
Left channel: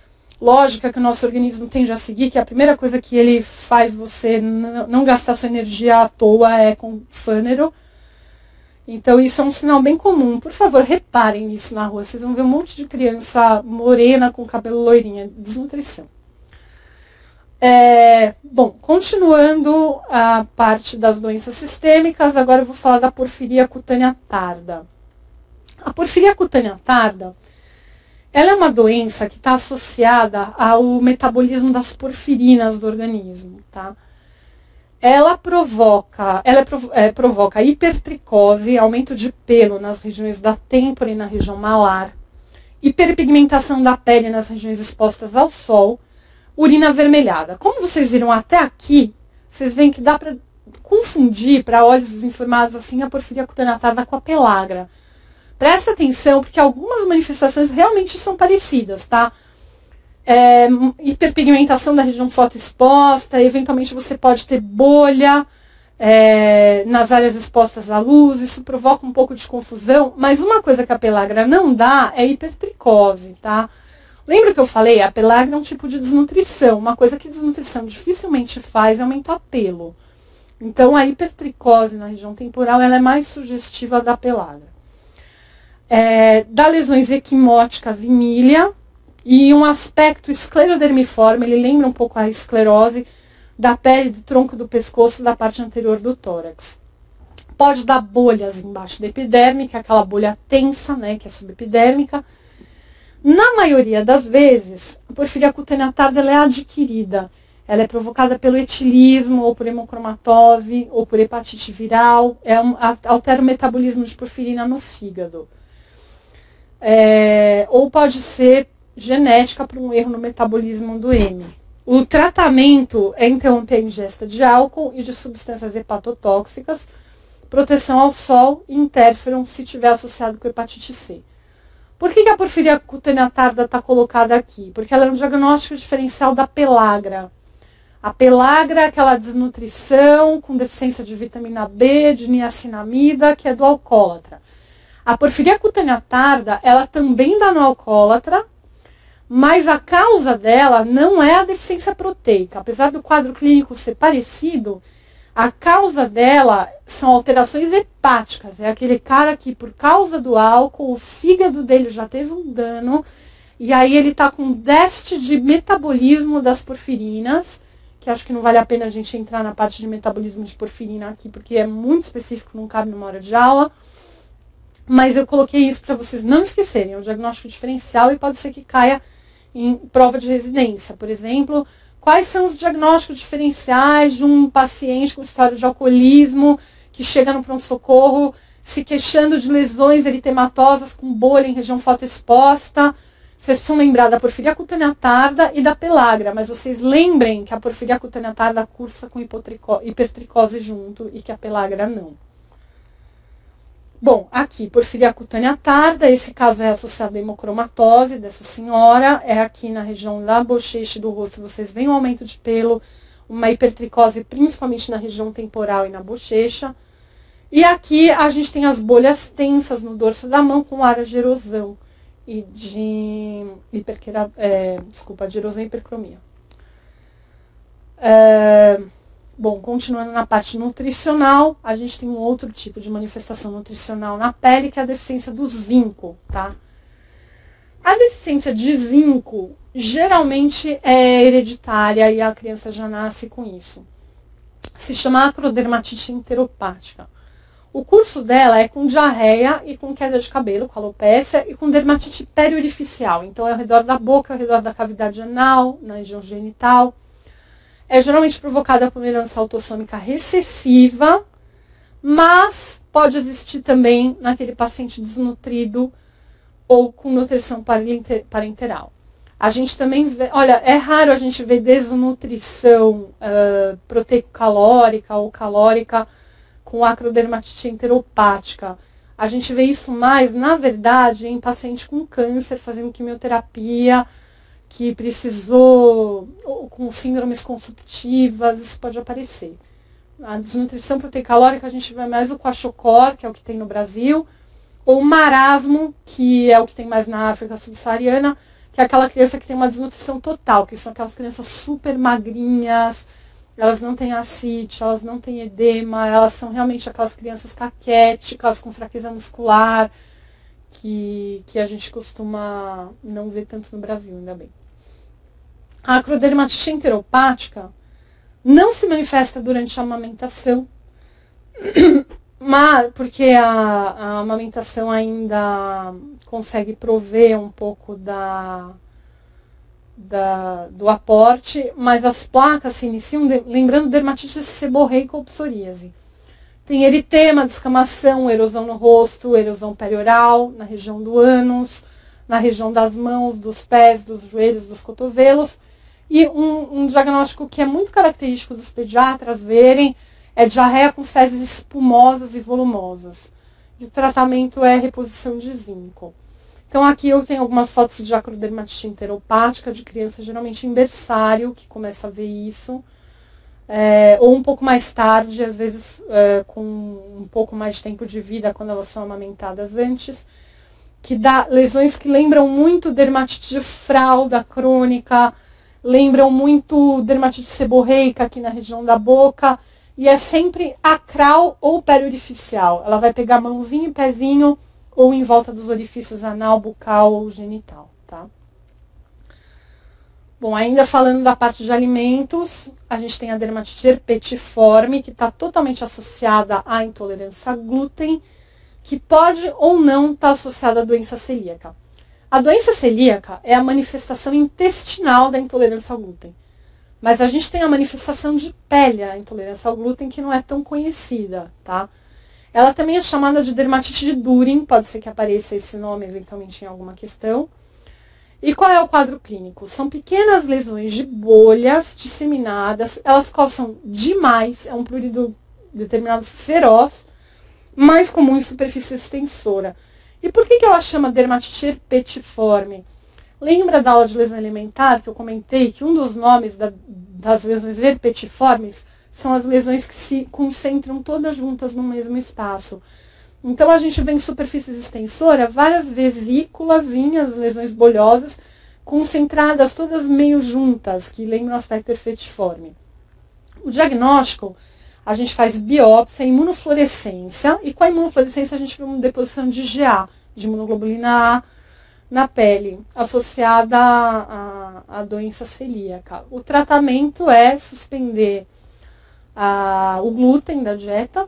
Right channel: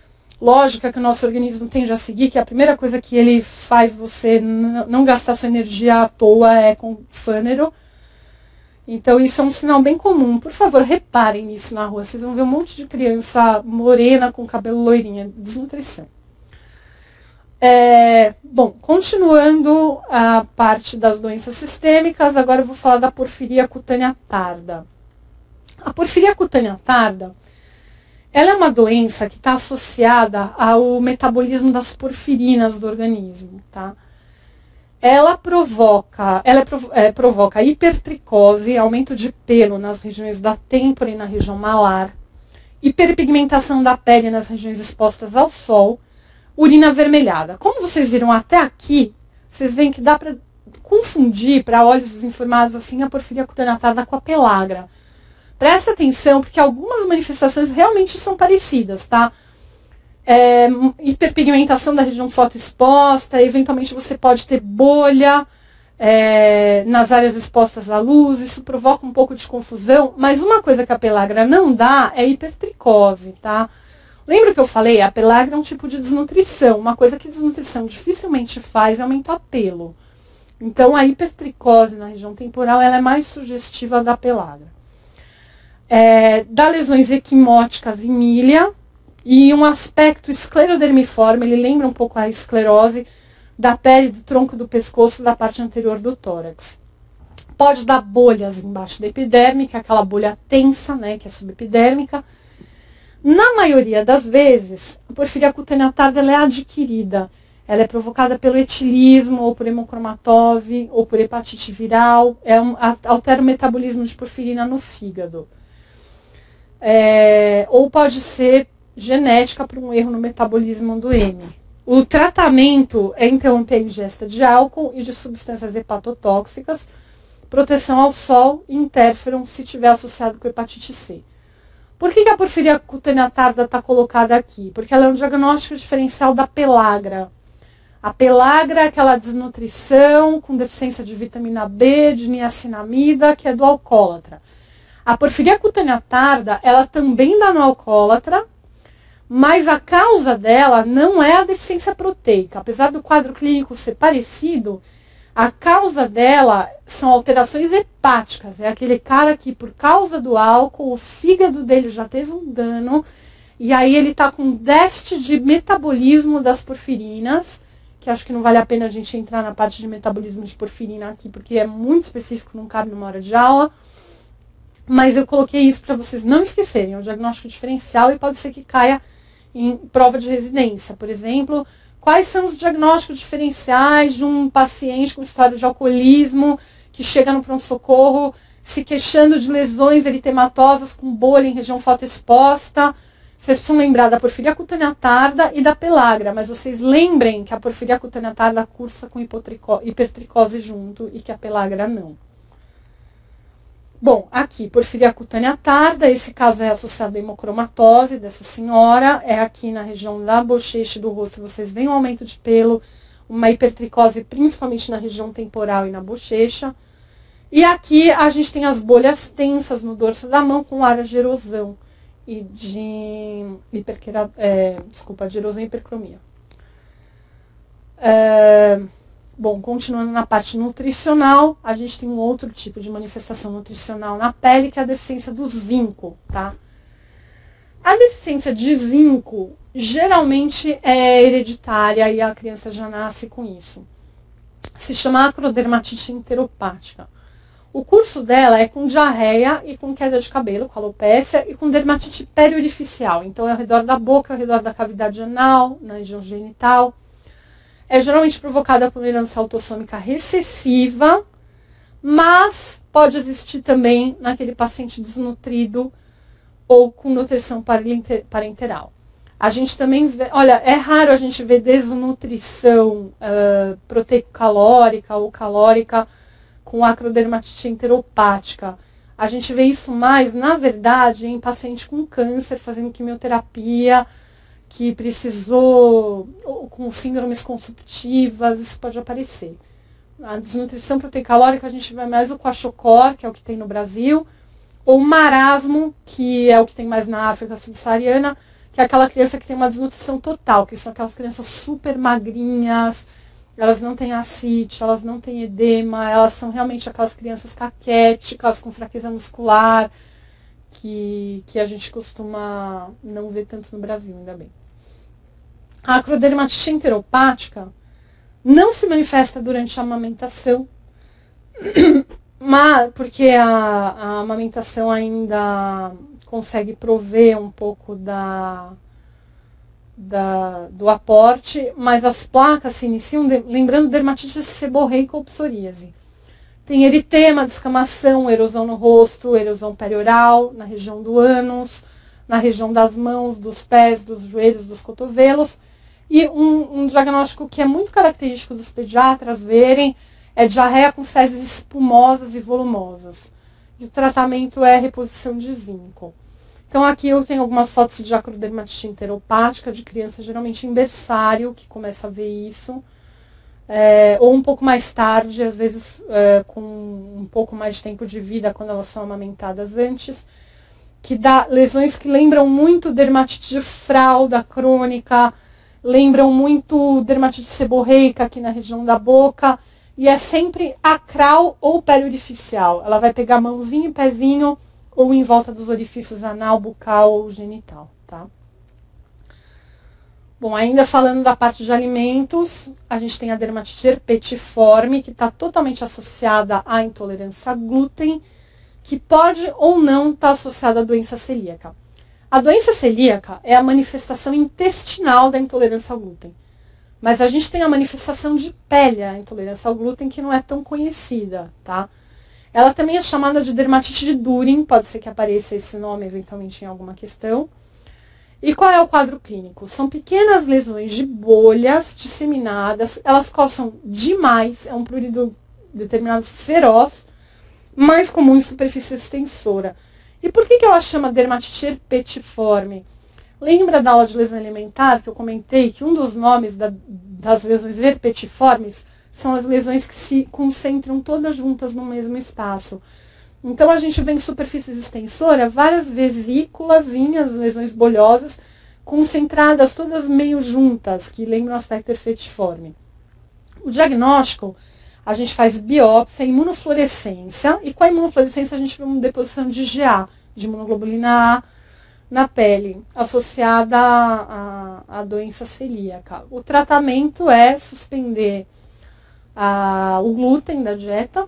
lógica que o nosso organismo tende a seguir, que a primeira coisa que ele faz você não gastar sua energia à toa é com fânero. Então isso é um sinal bem comum. Por favor, reparem nisso na rua. Vocês vão ver um monte de criança morena com cabelo loirinho. Desnutrição. Bom, continuando a parte das doenças sistêmicas, agora eu vou falar da porfiria cutânea tarda. A porfiria cutânea tarda, ela é uma doença que está associada ao metabolismo das porfirinas do organismo, tá? Ela provoca hipertricose, aumento de pelo nas regiões da têmpora e na região malar, hiperpigmentação da pele nas regiões expostas ao sol, urina avermelhada. Como vocês viram até aqui, vocês veem que dá para confundir, para olhos desinformados, assim, a porfiria cutânea tarda com a pellagra. Presta atenção, porque algumas manifestações realmente são parecidas, tá? Hiperpigmentação da região fotoexposta, eventualmente você pode ter bolha nas áreas expostas à luz, isso provoca um pouco de confusão, mas uma coisa que a pellagra não dá é hipertricose, tá? Lembra que eu falei? A pellagra é um tipo de desnutrição. Uma coisa que desnutrição dificilmente faz é aumentar pelo. Então, a hipertricose na região temporal ela é mais sugestiva da pellagra. Dá lesões equimóticas em milha e um aspecto esclerodermiforme, ele lembra um pouco a esclerose da pele, do tronco do pescoço, da parte anterior do tórax. Pode dar bolhas embaixo da epiderme, que é aquela bolha tensa, né, que é subepidérmica. Na maioria das vezes, a porfiria cutânea tarda ela é adquirida. Ela é provocada pelo etilismo, ou por hemocromatose, ou por hepatite viral. Altera o metabolismo de porfirina no fígado. Ou pode ser genética por um erro no metabolismo do M. O tratamento é interromper a ingesta de álcool e de substâncias hepatotóxicas, proteção ao sol e interferon se estiver associado com hepatite C. Por que a porfiria cutânea tarda está colocada aqui? Porque ela é um diagnóstico diferencial da pellagra. A pellagra é aquela desnutrição com deficiência de vitamina B, de niacinamida, que é do alcoólatra. A porfiria cutânea tarda, ela também dá no alcoólatra, mas a causa dela não é a deficiência proteica. Apesar do quadro clínico ser parecido, a causa dela são alterações hepáticas. É aquele cara que, por causa do álcool, o fígado dele já teve um dano, e aí ele está com déficit de metabolismo das porfirinas, que acho que não vale a pena a gente entrar na parte de metabolismo de porfirina aqui, porque é muito específico, não cabe numa hora de aula. Mas eu coloquei isso para vocês não esquecerem. É um diagnóstico diferencial e pode ser que caia em prova de residência. Por exemplo, quais são os diagnósticos diferenciais de um paciente com história de alcoolismo que chega no pronto-socorro se queixando de lesões eritematosas com bolha em região fotoexposta. Vocês precisam lembrar da porfiria cutânea tarda e da pelagra, mas vocês lembrem que a porfiria cutânea tarda cursa com hipertricose junto e que a pelagra não. Bom, aqui, porfiria cutânea tarda, esse caso é associado à hemocromatose dessa senhora, é aqui na região da bochecha e do rosto, vocês veem um aumento de pelo, uma hipertricose principalmente na região temporal e na bochecha. E aqui a gente tem as bolhas tensas no dorso da mão com áreas de erosão e de erosão e hipercromia. Bom, continuando na parte nutricional, a gente tem um outro tipo de manifestação nutricional na pele, que é a deficiência do zinco, tá? A deficiência de zinco geralmente é hereditária e a criança já nasce com isso. Se chama acrodermatite enteropática. O curso dela é com diarreia e com queda de cabelo, com alopécia, e com dermatite periorificial. Então é ao redor da boca, ao redor da cavidade anal, na região genital. É geralmente provocada por uma herança autossômica recessiva, mas pode existir também naquele paciente desnutrido ou com nutrição parenteral. A gente também vê, olha, é raro a gente ver desnutrição proteico-calórica ou calórica com acrodermatite enteropática. A gente vê isso mais, na verdade, em paciente com câncer, fazendo quimioterapia, que precisou, com síndromes consumptivas, isso pode aparecer. A desnutrição proteicalórica a gente vê mais o kwashiorkor, que é o que tem no Brasil, ou o marasmo, que é o que tem mais na África subsaariana, que é aquela criança que tem uma desnutrição total, que são aquelas crianças super magrinhas, elas não têm ascite, elas não têm edema, elas são realmente aquelas crianças caquéticas, com fraqueza muscular, que a gente costuma não ver tanto no Brasil, ainda bem. A acrodermatite enteropática não se manifesta durante a amamentação, mas porque a amamentação ainda consegue prover um pouco do aporte, mas as placas se iniciam, lembrando dermatite seborreica ou psoríase. Tem eritema, descamação, erosão no rosto, erosão perioral, na região do ânus, na região das mãos, dos pés, dos joelhos, dos cotovelos. E um diagnóstico que é muito característico dos pediatras verem é diarreia com fezes espumosas e volumosas. E o tratamento é reposição de zinco. Então aqui eu tenho algumas fotos de acrodermatite enteropática de criança, geralmente em berçário, que começa a ver isso. Ou um pouco mais tarde, às vezes com um pouco mais de tempo de vida, quando elas são amamentadas antes, que dá lesões que lembram muito dermatite de fralda crônica, lembram muito dermatite seborreica aqui na região da boca, e é sempre acral ou periorificial. Ela vai pegar mãozinho e pezinho, ou em volta dos orifícios anal, bucal ou genital, tá? Bom, ainda falando da parte de alimentos, a gente tem a dermatite herpetiforme, que está totalmente associada à intolerância a glúten, que pode ou não estar associada à doença celíaca. A doença celíaca é a manifestação intestinal da intolerância ao glúten. Mas a gente tem a manifestação de pele, a intolerância ao glúten, que não é tão conhecida, tá? Ela também é chamada de dermatite de Durin, pode ser que apareça esse nome eventualmente em alguma questão. E qual é o quadro clínico? São pequenas lesões de bolhas disseminadas, elas coçam demais, é um prurido determinado feroz, mais comum em superfície extensora. E por que ela chama dermatite herpetiforme? Lembra da aula de lesão alimentar que eu comentei que um dos nomes das lesões herpetiformes são as lesões que se concentram todas juntas no mesmo espaço. Então a gente vê em superfícies extensoras várias vesículazinhas, lesões bolhosas, concentradas todas meio juntas, que lembram o aspecto herpetiforme. O diagnóstico, a gente faz biópsia, imunofluorescência, e com a imunofluorescência a gente vê uma deposição de IgA, de imunoglobulina A, na pele, associada à doença celíaca. O tratamento é suspender o glúten da dieta,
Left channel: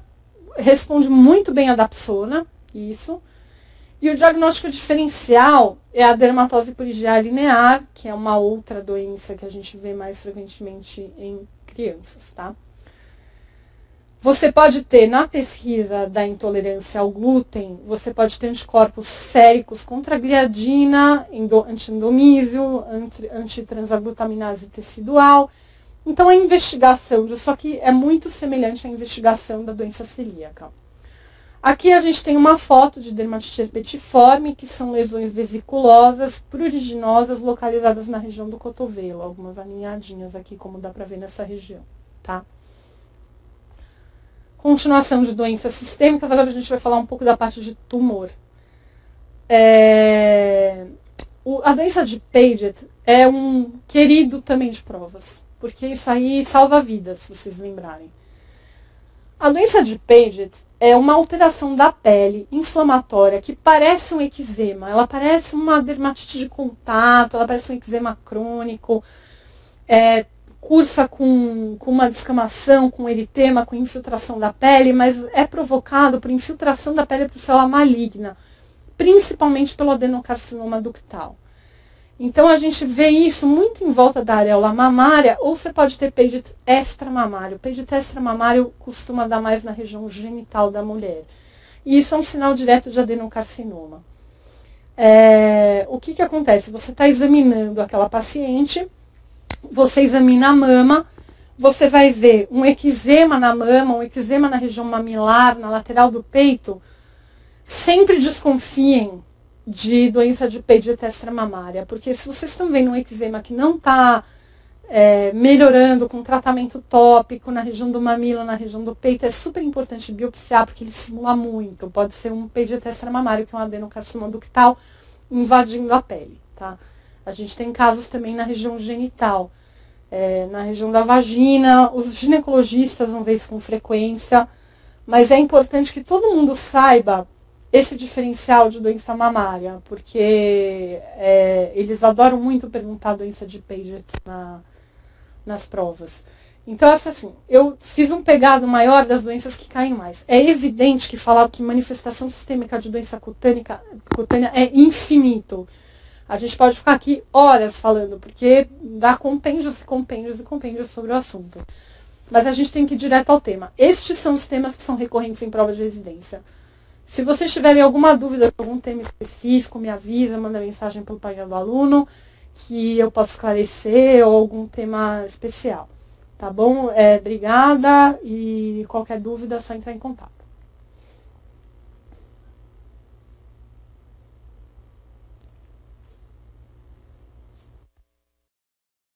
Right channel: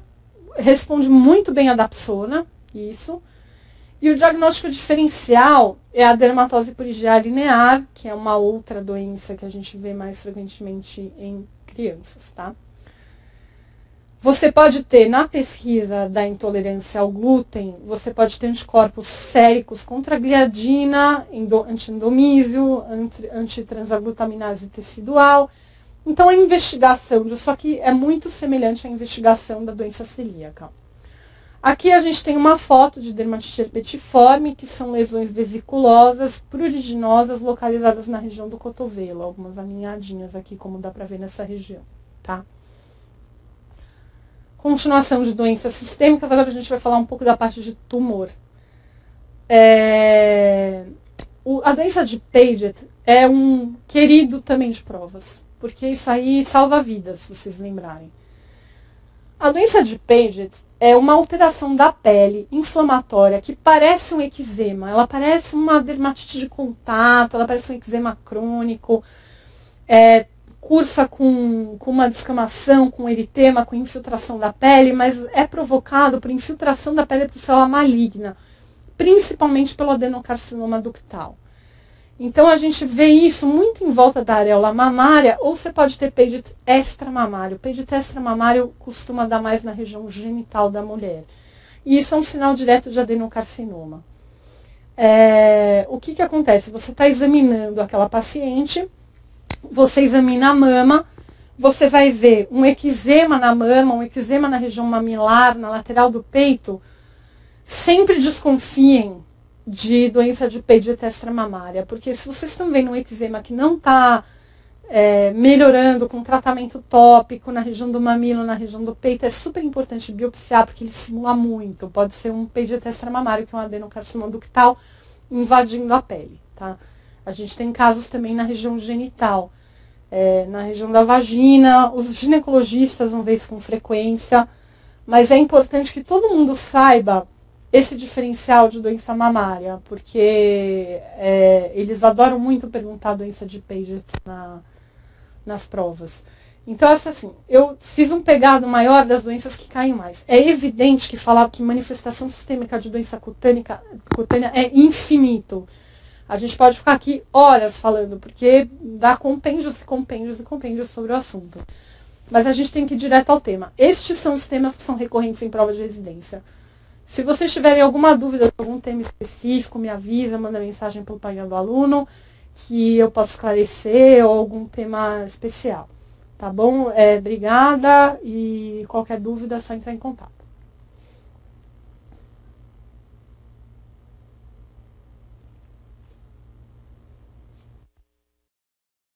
responde muito bem a dapsona, isso. E o diagnóstico diferencial é a dermatose por IgA linear, que é uma outra doença que a gente vê mais frequentemente em crianças, tá? Você pode ter, na pesquisa da intolerância ao glúten, você pode ter anticorpos séricos contra a gliadina, anti-endomísio, antitransaglutaminase tecidual. Então, a investigação disso aqui é muito semelhante à investigação da doença celíaca. Aqui a gente tem uma foto de dermatite herpetiforme, que são lesões vesiculosas, pruriginosas, localizadas na região do cotovelo. Algumas alinhadinhas aqui, como dá para ver nessa região, tá? Continuação de doenças sistêmicas, agora a gente vai falar um pouco da parte de tumor. A doença de Paget é um querido também de provas, porque isso aí salva vidas, se vocês lembrarem. A doença de Paget é uma alteração da pele inflamatória que parece um eczema, ela parece uma dermatite de contato, ela parece um eczema crônico, cursa com uma descamação, com eritema, com infiltração da pele, mas é provocado por infiltração da pele por célula maligna, principalmente pelo adenocarcinoma ductal. Então a gente vê isso muito em volta da areola mamária, ou você pode ter Paget extramamário. Paget extramamário costuma dar mais na região genital da mulher. E isso é um sinal direto de adenocarcinoma. O que acontece? Você está examinando aquela paciente, você examina a mama, você vai ver um eczema na mama, um eczema na região mamilar, na lateral do peito. Sempre desconfiem de doença de Paget extramamária, porque se vocês estão vendo um eczema que não está melhorando com tratamento tópico na região do mamilo, na região do peito, é super importante biopsiar, porque ele simula muito. Pode ser um Paget extramamário, que é um adenocarcinoma ductal, invadindo a pele, tá? A gente tem casos também na região genital, na região da vagina. Os ginecologistas vão ver isso com frequência, mas é importante que todo mundo saiba esse diferencial de doença mamária, porque eles adoram muito perguntar a doença de Paget nas provas. Então, assim, eu fiz um pegado maior das doenças que caem mais. É evidente que falar que manifestação sistêmica de doença cutânea é infinito. A gente pode ficar aqui horas falando, porque dá compêndios e compêndios e compêndios sobre o assunto. Mas a gente tem que ir direto ao tema. Estes são os temas que são recorrentes em prova de residência. Se vocês tiverem alguma dúvida sobre algum tema específico, me avisa, manda mensagem pelo painel do aluno, que eu posso esclarecer, ou algum tema especial. Tá bom? Obrigada, e qualquer dúvida é só entrar em contato.